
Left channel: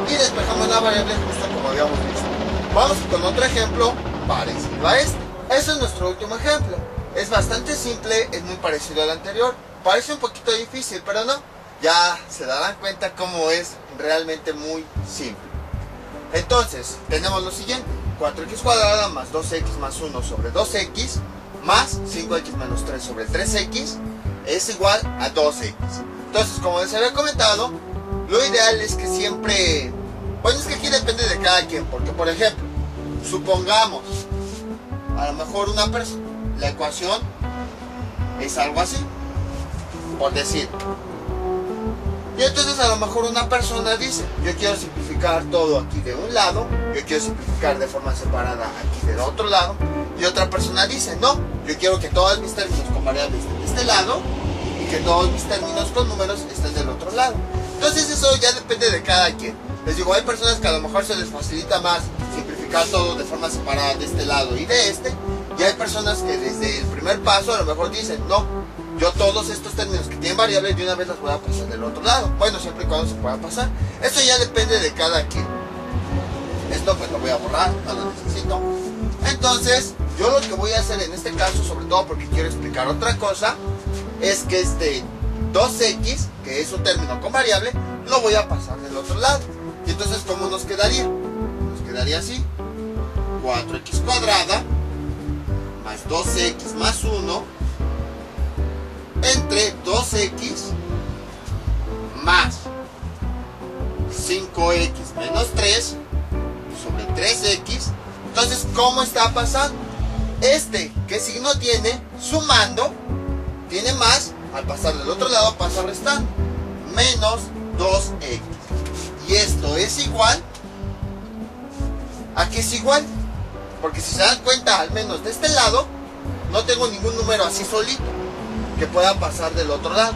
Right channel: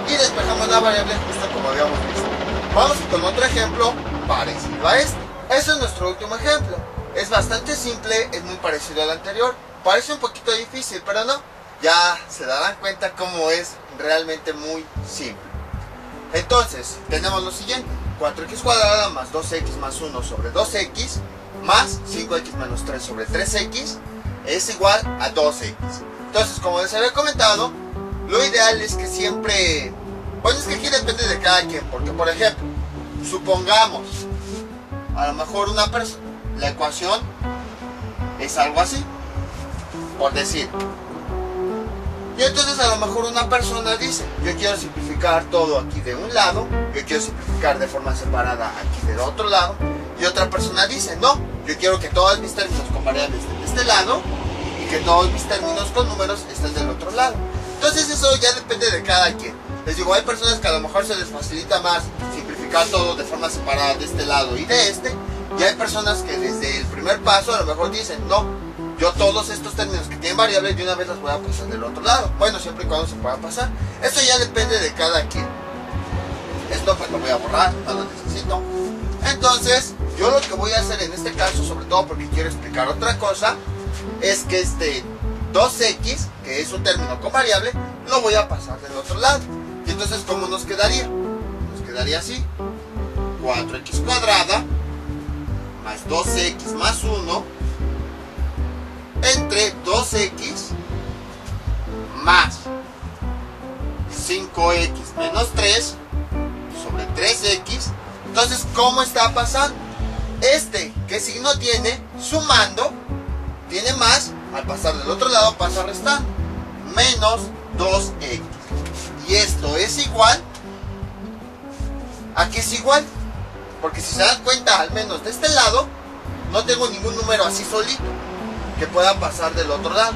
y despejamos la variable justo como habíamos visto. Vamos con otro ejemplo parecido a este. Este es nuestro último ejemplo. Es bastante simple, es muy parecido al anterior. Parece un poquito difícil, pero no. Ya se darán cuenta cómo es realmente muy simple. Entonces, tenemos lo siguiente. 4x cuadrada más 2x más 1 sobre 2x más 5x menos 3 sobre 3x es igual a 2x. Entonces, como les había comentado, lo ideal es que siempre... Bueno, es que aquí depende de cada quien. Porque, por ejemplo, supongamos, a lo mejor una persona, la ecuación es algo así, por decir. Y entonces a lo mejor una persona dice, yo quiero simplificar todo aquí de un lado, yo quiero simplificar de forma separada aquí del otro lado, y otra persona dice, no, yo quiero que todos mis términos con variables estén de este lado y que todos mis términos con números estén del otro lado. Entonces eso ya depende de cada quien. Les digo, hay personas que a lo mejor se les facilita más simplificar todo de forma separada de este lado y de este, y hay personas que desde el primer paso a lo mejor dicen, no, yo todos estos términos que tienen variables de una vez las voy a pasar del otro lado. Bueno, siempre y cuando se pueda pasar. Esto ya depende de cada quien. Esto pues lo voy a borrar, no lo necesito. Entonces, yo lo que voy a hacer en este caso, sobre todo porque quiero explicar otra cosa, es que este 2x, que es un término con variable, lo voy a pasar del otro lado. Y entonces, ¿cómo nos quedaría? Nos quedaría así. 4x cuadrada más 2x más 1 entre 2x más 5x menos 3 sobre 3x. Entonces, ¿cómo está pasando? ¿Qué signo tiene? Sumando, tiene más, al pasar del otro lado pasa restando, menos 2x. Y esto es igual, ¿a qué es igual? Porque si se dan cuenta, al menos de este lado, no tengo ningún número así solito que pueda pasar del otro lado.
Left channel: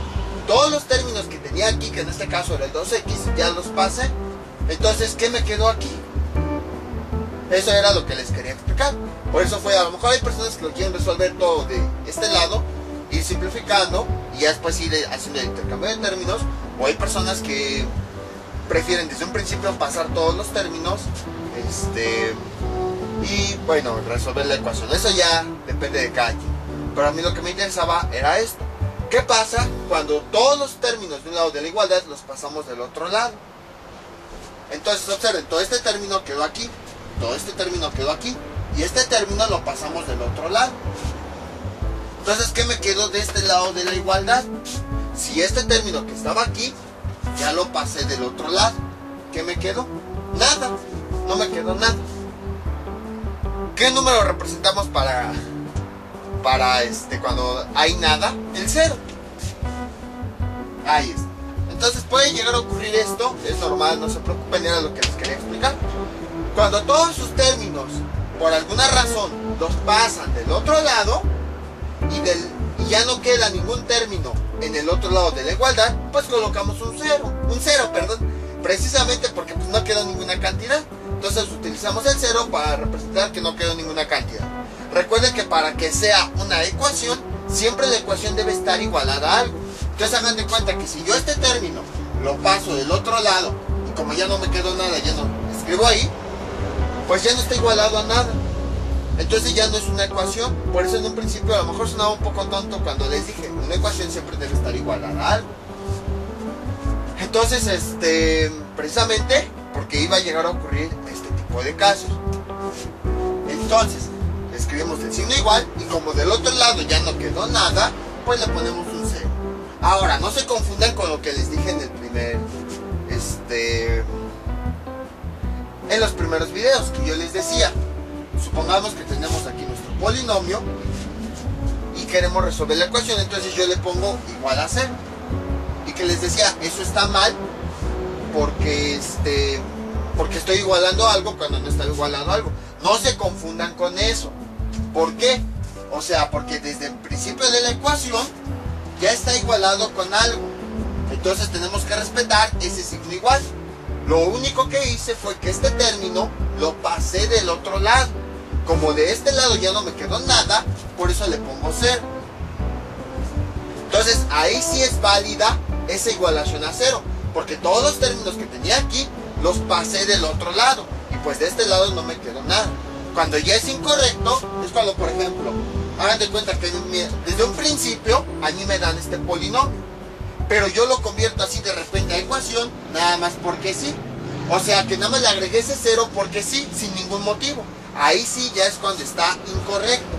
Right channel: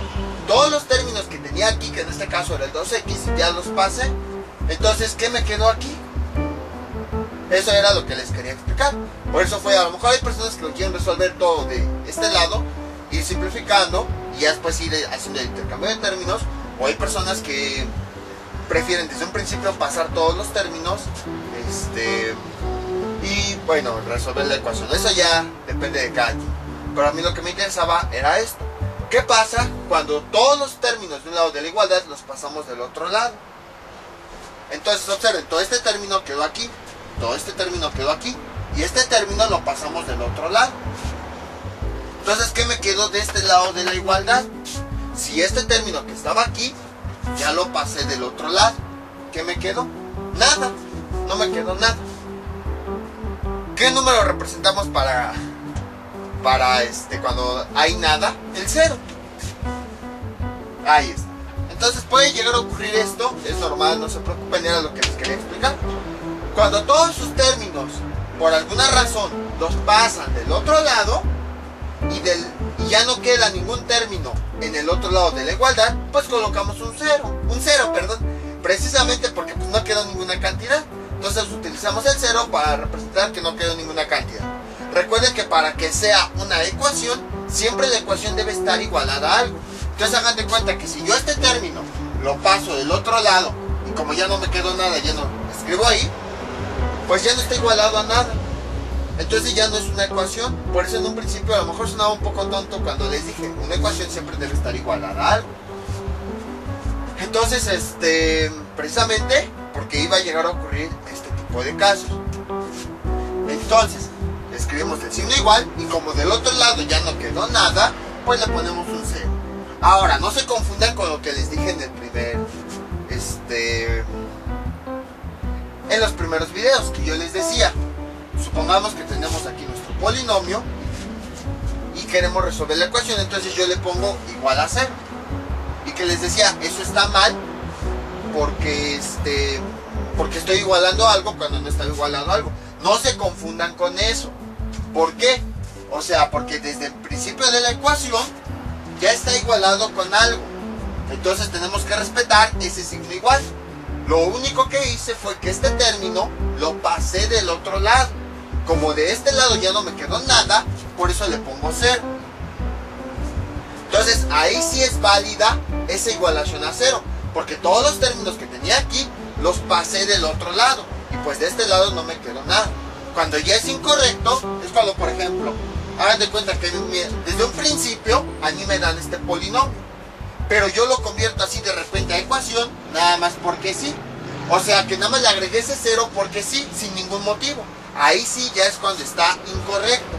Todos los términos que tenía aquí, que en este caso era el 2x, ya los pasé. Entonces, ¿qué me quedó aquí? Eso era lo que les quería explicar. Por eso fue, a lo mejor hay personas que lo quieren resolver todo de este lado, ir simplificando y ya después ir haciendo el intercambio de términos, o hay personas que prefieren desde un principio pasar todos los términos y bueno, resolver la ecuación. Eso ya depende de cada quien. Pero a mí lo que me interesaba era esto. ¿Qué pasa cuando todos los términos de un lado de la igualdad los pasamos del otro lado? Entonces observen, todo este término quedó aquí, todo este término quedó aquí, y este término lo pasamos del otro lado. Entonces, ¿qué me quedó de este lado de la igualdad? Si este término que estaba aquí, ya lo pasé del otro lado, ¿qué me quedó? Nada, no me quedó nada. ¿Qué número representamos para cuando hay nada? El 0. Ahí está. Entonces puede llegar a ocurrir esto, es normal, no se preocupen, era lo que les quería explicar. Cuando todos sus términos, por alguna razón, los pasan del otro lado y ya no queda ningún término en el otro lado de la igualdad, pues colocamos un cero, precisamente porque pues no quedó ninguna cantidad. Entonces utilizamos el 0 para representar que no quedó ninguna cantidad. Recuerden que para que sea una ecuación, siempre la ecuación debe estar igualada a algo. Entonces hagan de cuenta que si yo este término lo paso del otro lado y como ya no me quedó nada, ya no escribo ahí, pues ya no está igualado a nada. Entonces ya no es una ecuación. Por eso en un principio a lo mejor sonaba un poco tonto cuando les dije, una ecuación siempre debe estar igualada a algo. Entonces, precisamente porque iba a llegar a ocurrir este tipo de casos. Entonces, escribimos el signo igual y como del otro lado ya no quedó nada, pues le ponemos un 0. Ahora, no se confundan con lo que les dije en el en los primeros videos, que yo les decía, supongamos que tenemos aquí nuestro polinomio y queremos resolver la ecuación, entonces yo le pongo igual a 0. Y que les decía, eso está mal porque estoy igualando algo cuando no está igualando algo. No se confundan con eso. ¿Por qué? O sea, porque desde el principio de la ecuación ya está igualado con algo. Entonces tenemos que respetar ese signo igual. Lo único que hice fue que este término lo pasé del otro lado. Como de este lado ya no me quedó nada, por eso le pongo 0. Entonces ahí sí es válida esa igualación a 0, porque todos los términos que tenía aquí los pasé del otro lado y pues de este lado no me quedó nada. Cuando ya es incorrecto es cuando, por ejemplo, hagan de cuenta que desde un principio a mí me dan este polinomio, pero yo lo convierto así de repente a ecuación nada más porque sí. O sea que nada más le agregué ese 0 porque sí, sin ningún motivo. Ahí sí ya es cuando está incorrecto.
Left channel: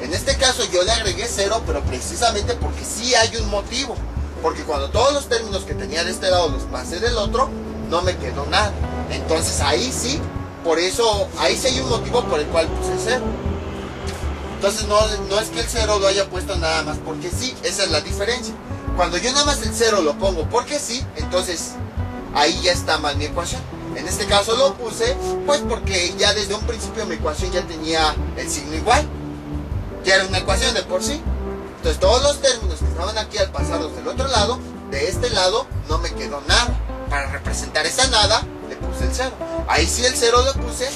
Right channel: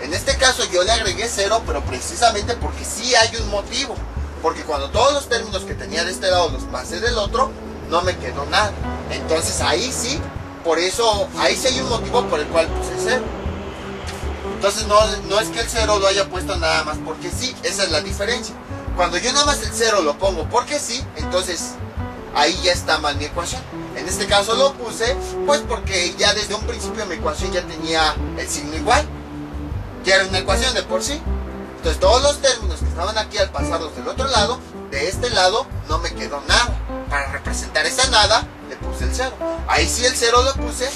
En este caso yo le agregué 0, pero precisamente porque sí hay un motivo. Porque cuando todos los términos que tenía de este lado los pasé del otro, no me quedó nada. Entonces ahí sí, por eso, ahí sí hay un motivo por el cual puse 0. Entonces no es que el 0 lo haya puesto nada más porque sí, esa es la diferencia. Cuando yo nada más el 0 lo pongo porque sí, entonces ahí ya está mal mi ecuación. En este caso lo puse pues porque ya desde un principio mi ecuación ya tenía el signo igual. Ya era una ecuación de por sí. Entonces todos los términos que estaban aquí al pasarlos del otro lado, de este lado no me quedó nada. Para representar esa nada le puse el 0. Ahí sí el 0 lo puse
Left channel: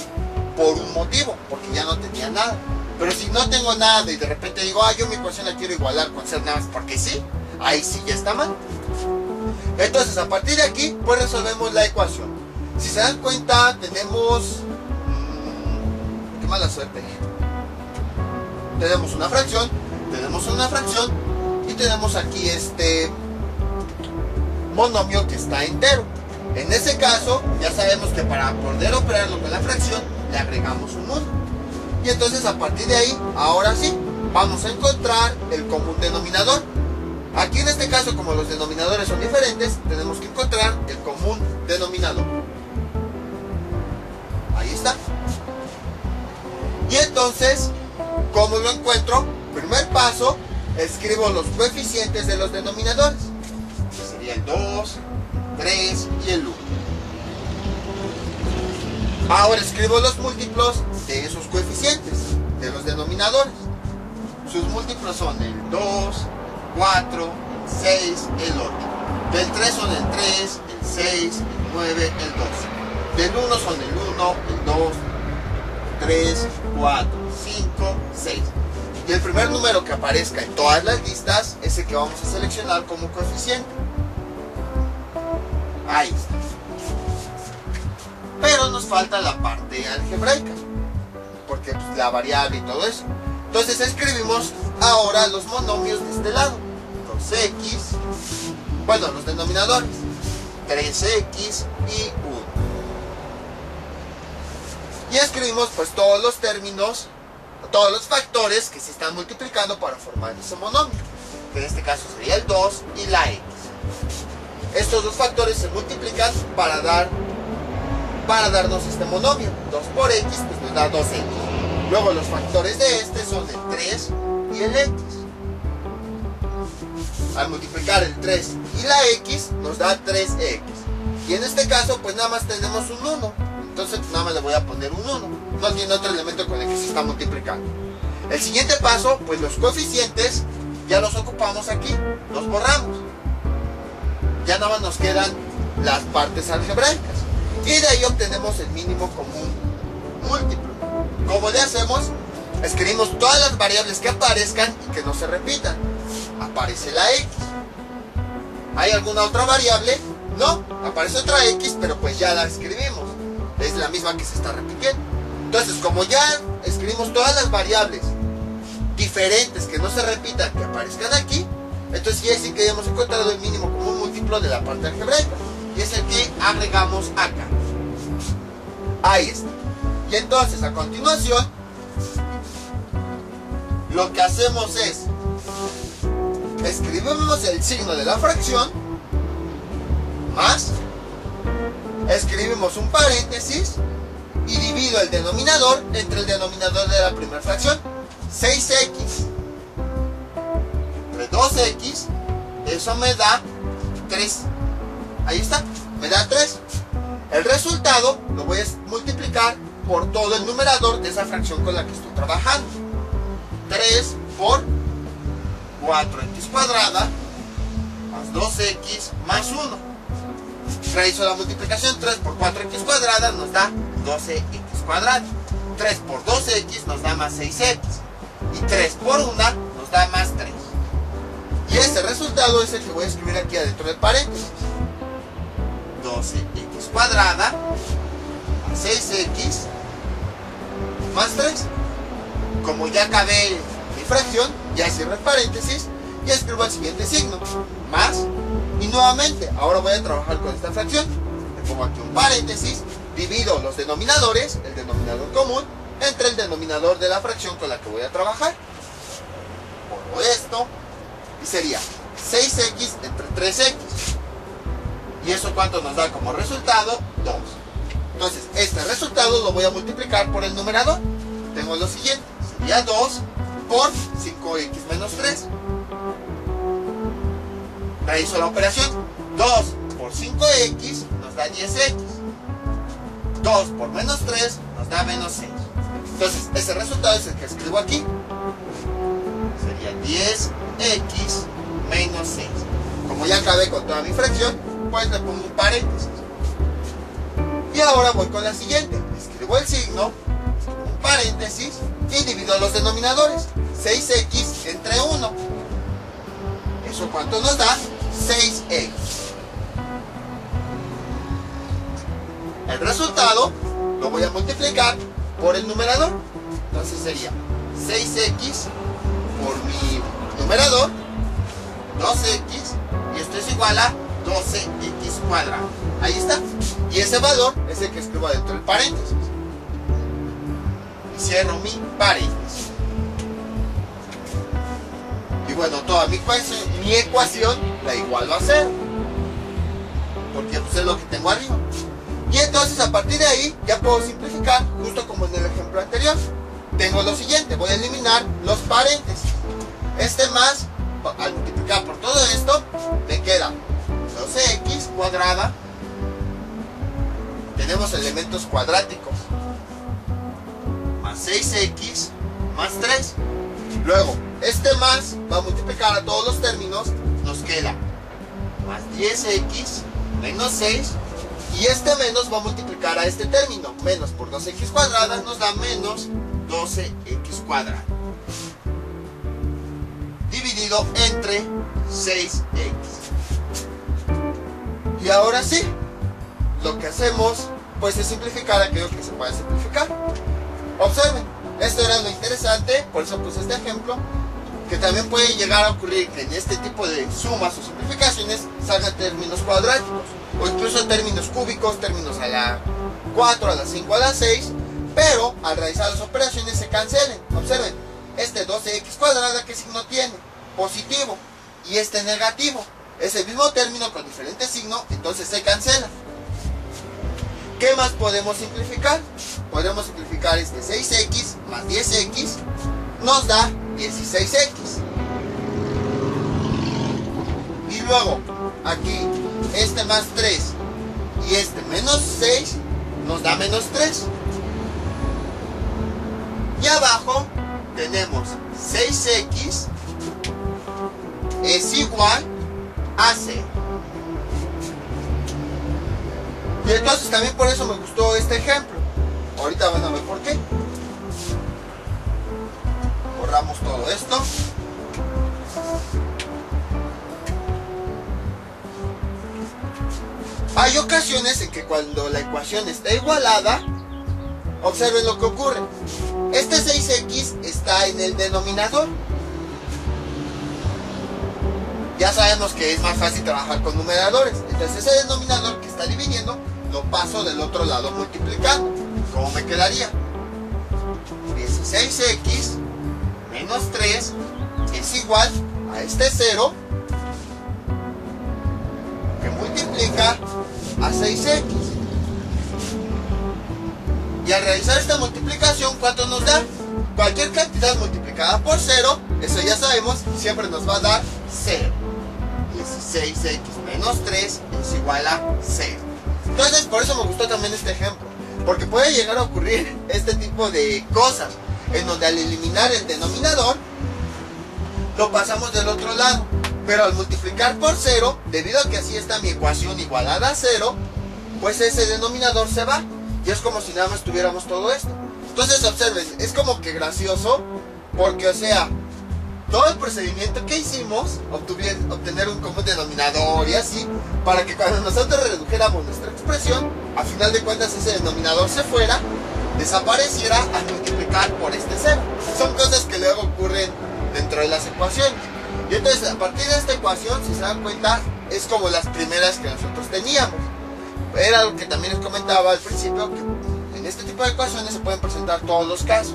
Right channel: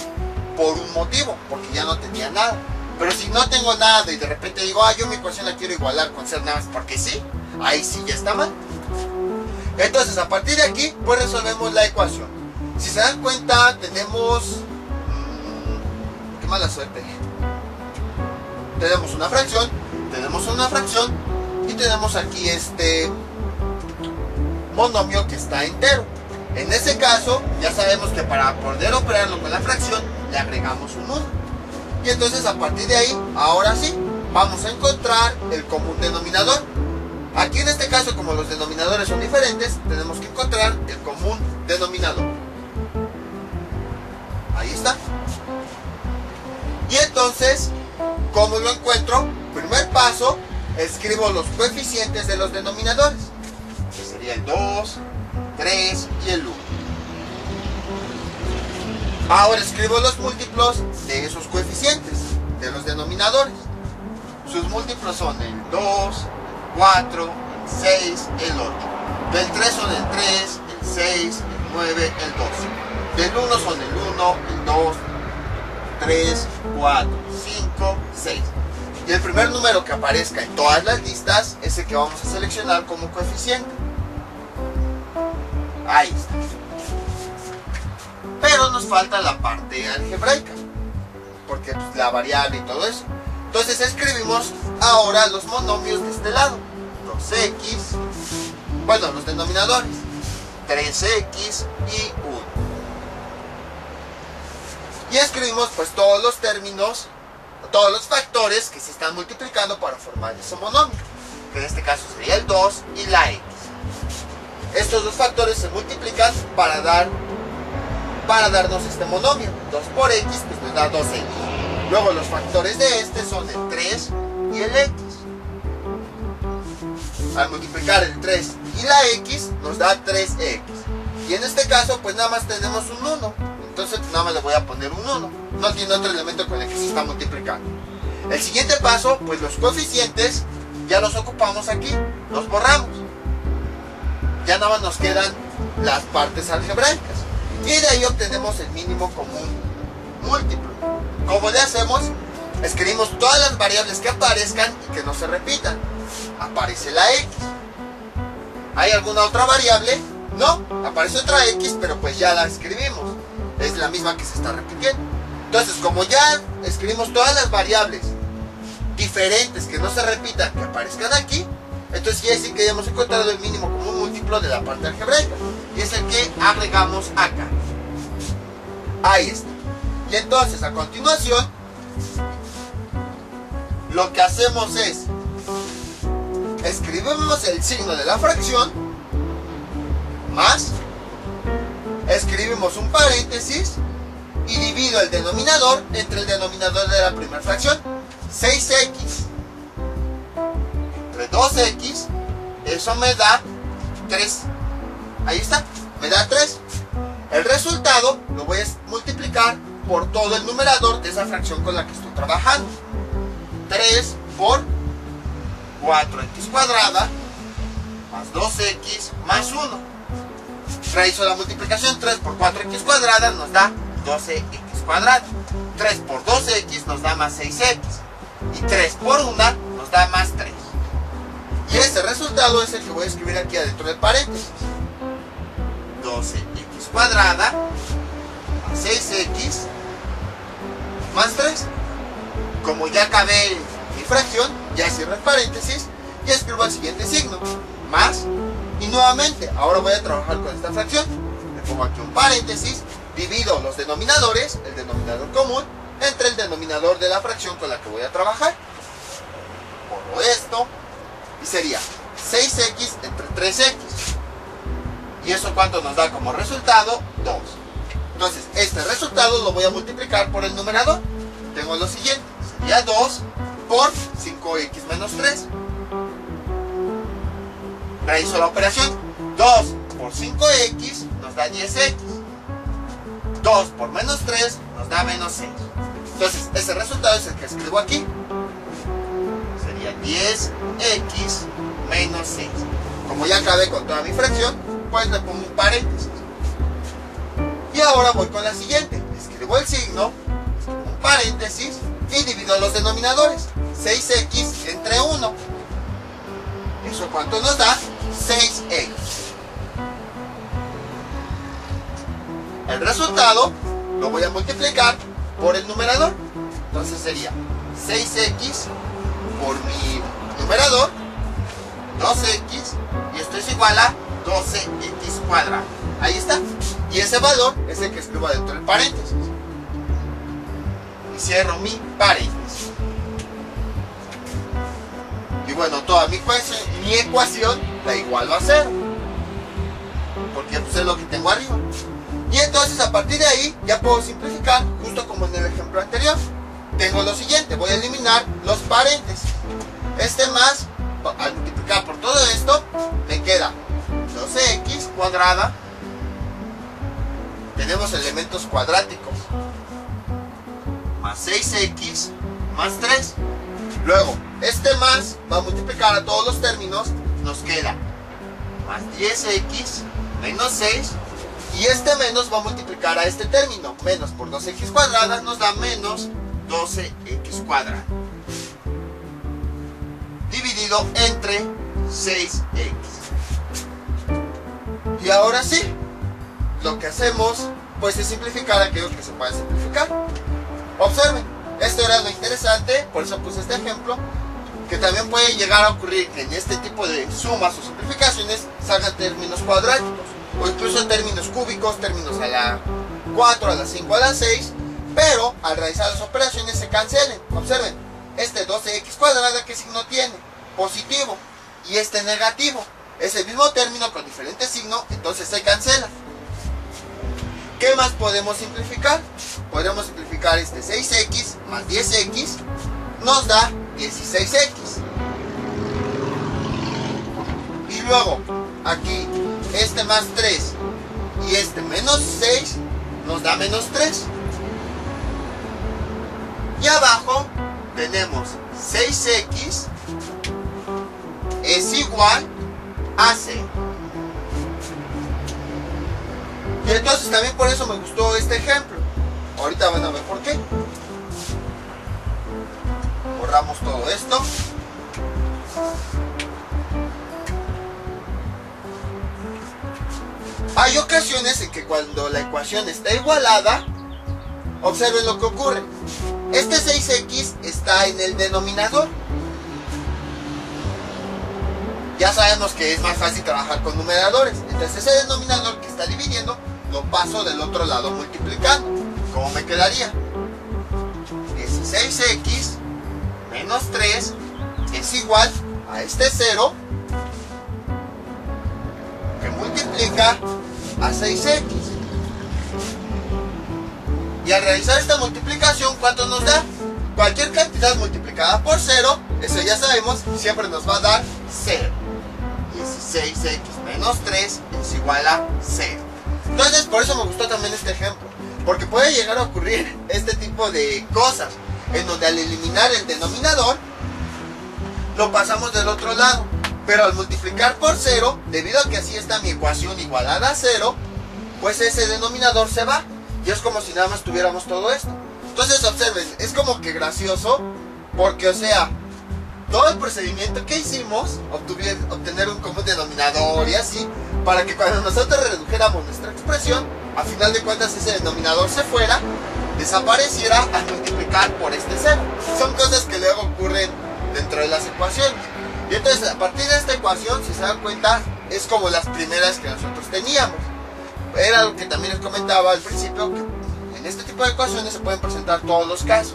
por un motivo, porque ya no tenía nada. Pero si no tengo nada y de repente digo, yo mi ecuación la quiero igualar con 0 nada más porque sí, ahí sí ya está mal. Entonces a partir de aquí pues resolvemos la ecuación. Si se dan cuenta tenemos qué mala suerte. Tenemos una fracción y tenemos aquí este monomio que está entero. En ese caso ya sabemos que para poder operarlo con la fracción le agregamos un 1. Y entonces a partir de ahí, ahora sí, vamos a encontrar el común denominador. Aquí en este caso, como los denominadores son diferentes, tenemos que encontrar el común denominador. Ahí está. Y entonces, ¿cómo lo encuentro? Primer paso, escribo los coeficientes de los denominadores. Que sería el 2, 3 y el 1. Ahora escribo los múltiplos de esos coeficientes, de los denominadores. sus múltiplos son el 2, 4, 6, el 8. Del 3 son el 3, el 6, el 9, el 12. Del 1 son el 1, el 2, 3, 4, 5, 6. Y el primer número que aparezca en todas las listas es el que vamos a seleccionar como coeficiente. Ahí está. Pero nos falta la parte algebraica, porque pues, la variable y todo eso. Entonces escribimos ahora los monomios de este lado. 2x, bueno, los denominadores, 3x y 1. Y escribimos pues todos los términos, todos los factores que se están multiplicando para formar ese monomio, que en este caso sería el 2 y la x. Estos dos factores se multiplican para darnos este monomio. 2 por x pues nos da 2x. Luego los factores de este son el 3 y el x. Al multiplicar el 3 y la x nos da 3x. Y en este caso pues nada más tenemos un 1. Entonces nada más le voy a poner un 1. No tiene otro elemento con el que se está multiplicando. El siguiente paso, pues los coeficientes ya los ocupamos aquí, los borramos. Ya nada más nos quedan las partes algebraicas. Y de ahí obtenemos el mínimo común múltiplo. ¿Cómo le hacemos? Escribimos todas las variables que aparezcan y que no se repitan. Aparece la x. ¿Hay alguna otra variable? No, aparece otra x, pero pues ya la escribimos. Es la misma que se está repitiendo. Entonces, como ya escribimos todas las variables diferentes que no se repitan, que aparezcan aquí, entonces quiere decir que ya hemos encontrado el mínimo común múltiplo de la parte algebraica. Y es el que agregamos acá. Ahí está. Y entonces, a continuación, lo que hacemos es escribimos el signo de la fracción más, escribimos un paréntesis y divido el denominador entre el denominador de la primera fracción. 6x entre 2x, eso me da 3. Ahí está, me da 3. El resultado lo voy a multiplicar por todo el numerador de esa fracción con la que estoy trabajando. 3 por 4x cuadrada más 2x más 1. Realizo la multiplicación. 3 por 4x cuadrada nos da 12x cuadrada. 3 por 2x nos da más 6x. Y 3 por 1 nos da más 3. Y este resultado es el que voy a escribir aquí adentro del paréntesis. 12x cuadrada más 6x más 3. Como ya acabé mi fracción, ya cierro el paréntesis y escribo el siguiente signo, más, y nuevamente, ahora voy a trabajar con esta fracción. Le pongo aquí un paréntesis, divido los denominadores, el denominador común, entre el denominador de la fracción con la que voy a trabajar. Pongo esto, y sería 6x entre 3x. ¿Y eso cuánto nos da como resultado? 2. Entonces, este resultado lo voy a multiplicar por el numerador. Tengo lo siguiente, sería 2 por 5x menos 3. Realizo la operación. 2 por 5x nos da 10x. 2 por menos 3 nos da menos 6. Entonces, ese resultado es el que escribo aquí. Sería 10x menos 6. Como ya acabé con toda mi fracción, pues le pongo un paréntesis. Y ahora voy con la siguiente. Escribo el signo, un paréntesis y divido los denominadores. 6x entre 1. ¿Eso cuánto nos da? 6x. El resultado lo voy a multiplicar por el numerador. Entonces sería 6x por mi numerador, 2x, y esto es igual a 12x cuadrado. Ahí está. Y ese valor es el que escribo dentro del paréntesis. Y cierro mi paréntesis. Y bueno, toda mi ecuación la igualo a 0. Porque pues es lo que tengo arriba. Y entonces a partir de ahí ya puedo simplificar, justo como en el ejemplo anterior. Tengo lo siguiente, voy a eliminar los paréntesis. Este más, al multiplicar por todo esto, me queda 12x cuadrada. Tenemos elementos cuadráticos. Más 6x más 3. Luego, Este más va a multiplicar a todos los términos, nos queda más 10x menos 6, y este menos va a multiplicar a este término, menos por 2x cuadrada nos da menos 12x cuadrada, dividido entre 6x. Y ahora sí, lo que hacemos pues es simplificar aquello que se puede simplificar. Observen, esto era lo interesante, por eso puse este ejemplo, que también puede llegar a ocurrir que en este tipo de sumas o simplificaciones salgan términos cuadráticos, o incluso términos cúbicos, términos a la 4, a la 5, a la 6, pero al realizar las operaciones se cancelen. Observen, este 12x cuadrada, ¿qué signo tiene? Positivo, y este negativo. Es el mismo término con diferente signo, entonces se cancela. ¿Qué más podemos simplificar? Podemos simplificar este 6x más 10x, nos da 16x. Y luego, aquí, este más 3 y este menos 6, nos da menos 3. Y abajo tenemos 6x es igual a 0. Y entonces también por eso me gustó este ejemplo. Ahorita van a ver por qué. Borramos todo esto. Hay ocasiones en que cuando la ecuación está igualada, observen lo que ocurre. Este 6x está en el denominador. Ya sabemos que es más fácil trabajar con numeradores. Entonces ese denominador que está dividiendo lo paso del otro lado multiplicando. ¿Cómo me quedaría? 16x menos 3 es igual a este 0 que multiplica a 6x. Y al realizar esta multiplicación, ¿cuánto nos da? Cualquier cantidad multiplicada por 0, eso ya sabemos, siempre nos va a dar 0. 16x menos 3 es igual a 0. Entonces por eso me gustó también este ejemplo, porque puede llegar a ocurrir este tipo de cosas en donde al eliminar el denominador lo pasamos del otro lado, pero al multiplicar por 0, debido a que así está mi ecuación igualada a 0, pues ese denominador se va y es como si nada más tuviéramos todo esto. Entonces observen, es como que gracioso, porque o sea, todo el procedimiento que hicimos, obtener un común denominador y así, para que cuando nosotros redujéramos nuestra expresión, a final de cuentas ese denominador se fuera, desapareciera al multiplicar por este 0. Son cosas que luego ocurren dentro de las ecuaciones. Y entonces a partir de esta ecuación, si se dan cuenta, es como las primeras que nosotros teníamos. Era lo que también les comentaba al principio, que en este tipo de ecuaciones se pueden presentar todos los casos.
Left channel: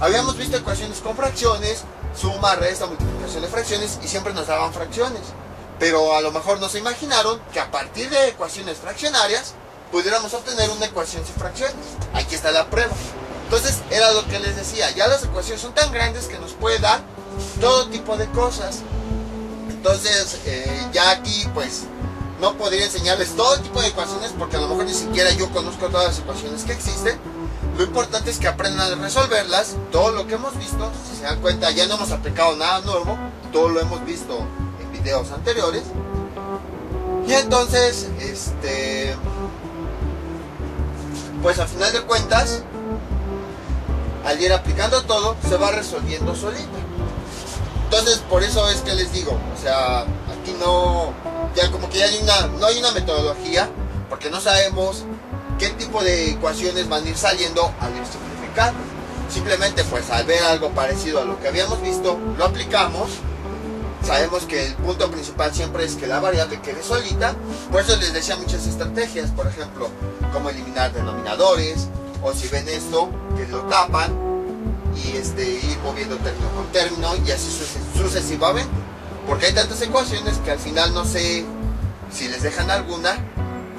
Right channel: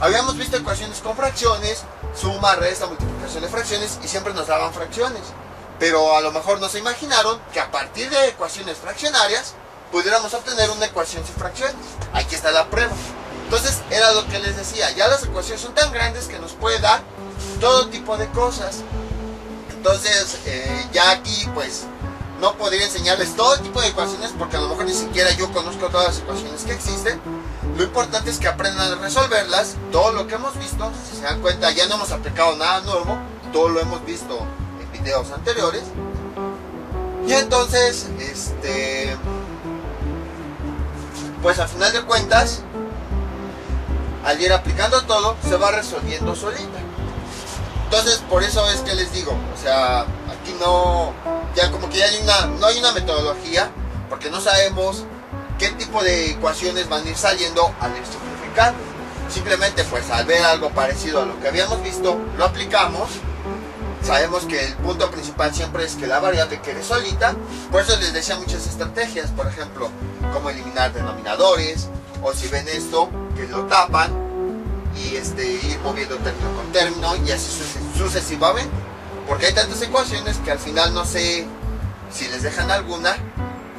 Habíamos visto ecuaciones con fracciones, suma, resta, multiplicación de fracciones, y siempre nos daban fracciones. Pero a lo mejor no se imaginaron que a partir de ecuaciones fraccionarias pudiéramos obtener una ecuación sin fracciones. Aquí está la prueba. Entonces era lo que les decía, ya las ecuaciones son tan grandes que nos puede dar todo tipo de cosas. Entonces ya aquí pues no podría enseñarles todo tipo de ecuaciones, porque a lo mejor ni siquiera yo conozco todas las ecuaciones que existen. Lo importante es que aprendan a resolverlas. Todo lo que hemos visto, si se dan cuenta, ya no hemos aplicado nada nuevo, todo lo hemos visto en videos anteriores. Y entonces pues al final de cuentas, al ir aplicando todo, se va resolviendo solita. Entonces por eso es que les digo, o sea, aquí no, ya como que ya no hay una metodología, porque no sabemos qué tipo de ecuaciones van a ir saliendo al ir simplificando. Simplemente pues al ver algo parecido a lo que habíamos visto, lo aplicamos. Sabemos que el punto principal siempre es que la variable quede solita. Por eso les decía muchas estrategias, por ejemplo, como eliminar denominadores, o si ven esto, que lo tapan y ir moviendo término con término, y así sucesivamente, porque hay tantas ecuaciones que al final no sé si les dejan alguna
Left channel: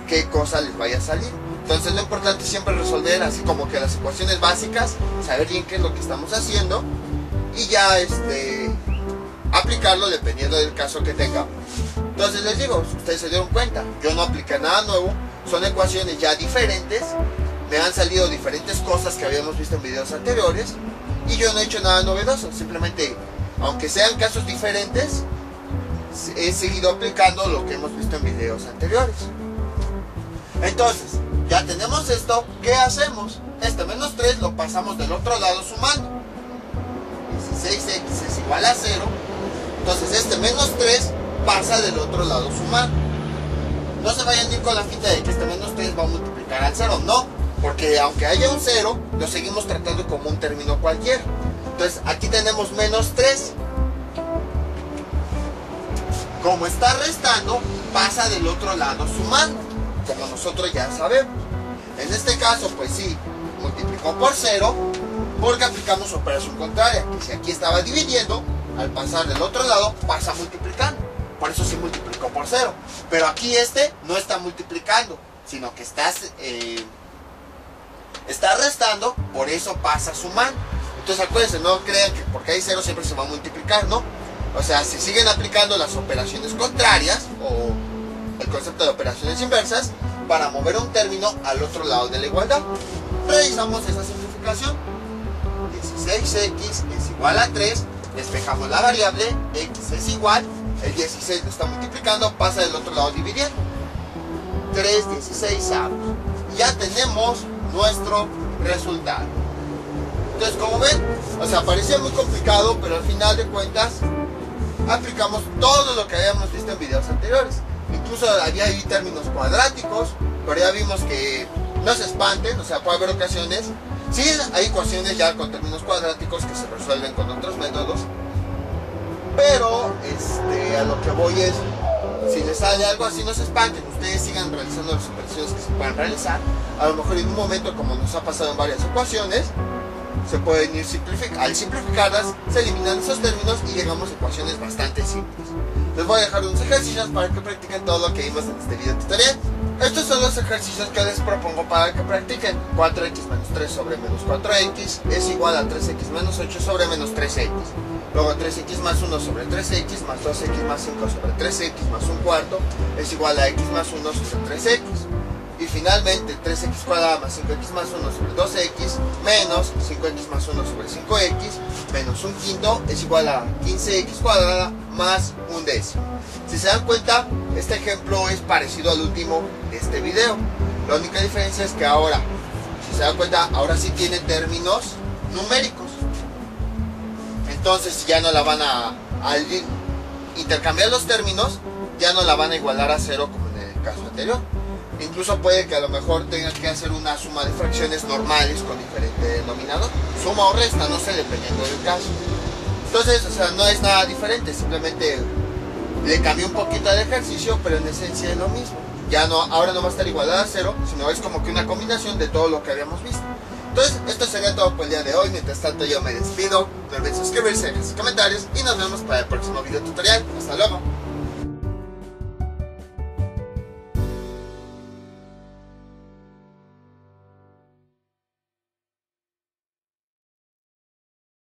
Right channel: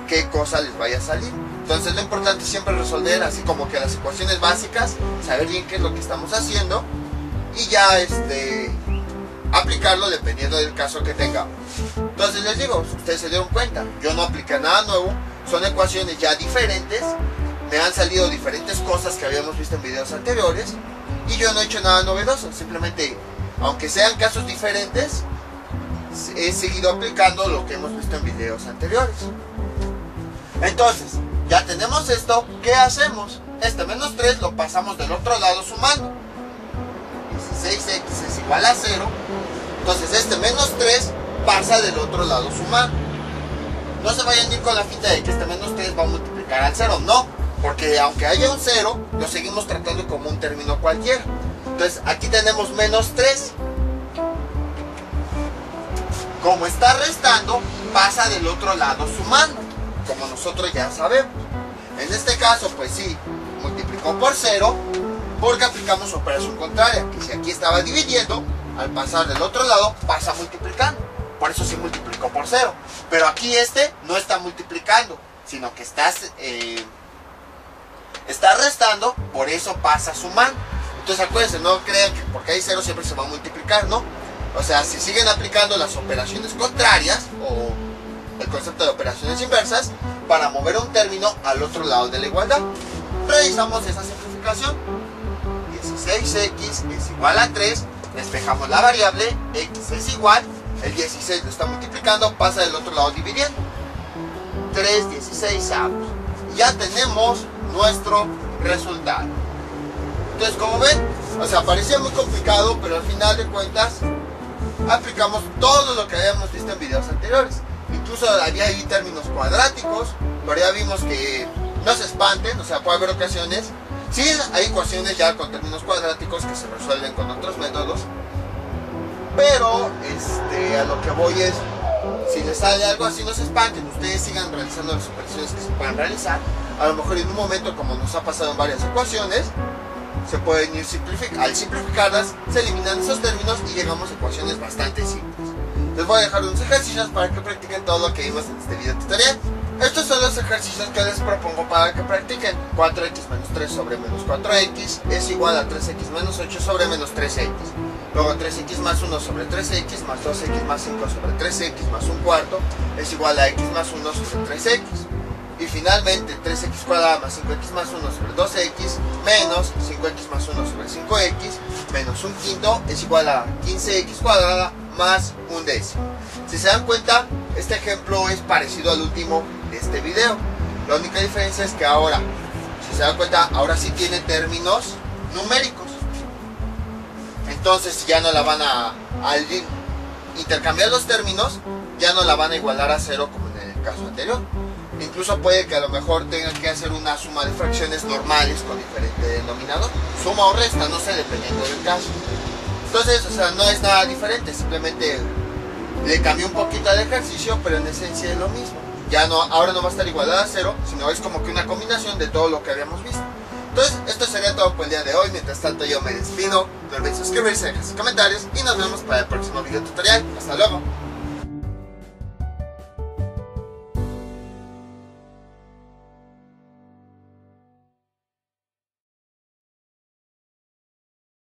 qué cosa les vaya a salir. Entonces lo importante es siempre resolver así como que las ecuaciones básicas, saber bien qué es lo que estamos haciendo, y ya aplicarlo dependiendo del caso que tenga. Entonces les digo, si ustedes se dieron cuenta, yo no apliqué nada nuevo, son ecuaciones ya diferentes, me han salido diferentes cosas que habíamos visto en videos anteriores, y yo no he hecho nada novedoso, simplemente aunque sean casos diferentes, he seguido aplicando lo que hemos visto en videos anteriores. Entonces, ya tenemos esto, ¿qué hacemos? Este menos 3 lo pasamos del otro lado sumando. 16x es igual a 0. Entonces este menos 3 pasa del otro lado sumando. No se vayan a ir con la finta de que este menos 3 va a multiplicar al 0, no. Porque aunque haya un 0, lo seguimos tratando como un término cualquiera. Entonces aquí tenemos menos 3. Como está restando, pasa del otro lado sumando, como nosotros ya sabemos. En este caso, pues sí, multiplicó por 0, porque aplicamos operación contraria, que si aquí estaba dividiendo, al pasar del otro lado, pasa multiplicando. Por eso sí multiplicó por 0. Pero aquí no está multiplicando, sino que está restando, por eso pasa sumando. Entonces acuérdense, no crean que porque hay 0 siempre se va a multiplicar, ¿no? O sea, si siguen aplicando las operaciones contrarias o el concepto de operaciones inversas para mover un término al otro lado de la igualdad. Realizamos esa simplificación. 16x es igual a 3, despejamos la variable, x es igual, el 16 lo está multiplicando, pasa del otro lado dividiendo. 3 16avos. Ya tenemos nuestro resultado. Entonces, como ven, o sea, parecía muy complicado, pero al final de cuentas aplicamos todo lo que habíamos visto en videos anteriores. Incluso había ahí términos cuadráticos, pero ya vimos que no se espanten, o sea, puede haber ocasiones, sí hay ecuaciones ya con términos cuadráticos que se resuelven con otros métodos, pero a lo que voy es, si les sale algo así, no se espanten, ustedes sigan realizando las operaciones que se puedan realizar. A lo mejor en un momento, como nos ha pasado en varias ecuaciones, se pueden ir al simplificarlas, se eliminan esos términos y llegamos a ecuaciones bastante simples. Les voy a dejar unos ejercicios para que practiquen todo lo que vimos en este video tutorial. Estos son los ejercicios que les propongo para que practiquen. 4x menos 3 sobre menos 4x es igual a 3x menos 8 sobre menos 3x. Luego 3x más 1 sobre 3x más 2x más 5 sobre 3x más un cuarto es igual a x más 1 sobre 3x. Y finalmente 3x cuadrada más 5x más 1 sobre 2x menos 5x más 1 sobre 5x menos un quinto es igual a 15x cuadrada más un décimo. Si se dan cuenta, este ejemplo es parecido al último de este video. La única diferencia es que ahora, si se dan cuenta, ahora sí tiene términos numéricos. Entonces ya no la van al intercambiar los términos, ya no la van a igualar a 0 como en el caso anterior. Incluso puede que a lo mejor tengan que hacer una suma de fracciones normales con diferente denominador. Suma o resta, no sé, dependiendo del caso. Entonces, o sea, no es nada diferente, simplemente le cambié un poquito al ejercicio, pero en esencia es lo mismo. Ya no, ahora no va a estar igualada a 0, sino es como que una combinación de todo lo que habíamos visto. Entonces, esto sería todo por el día de hoy. Mientras tanto, yo me despido. No olviden suscribirse, dejar sus comentarios y nos vemos para el próximo video tutorial. Hasta luego.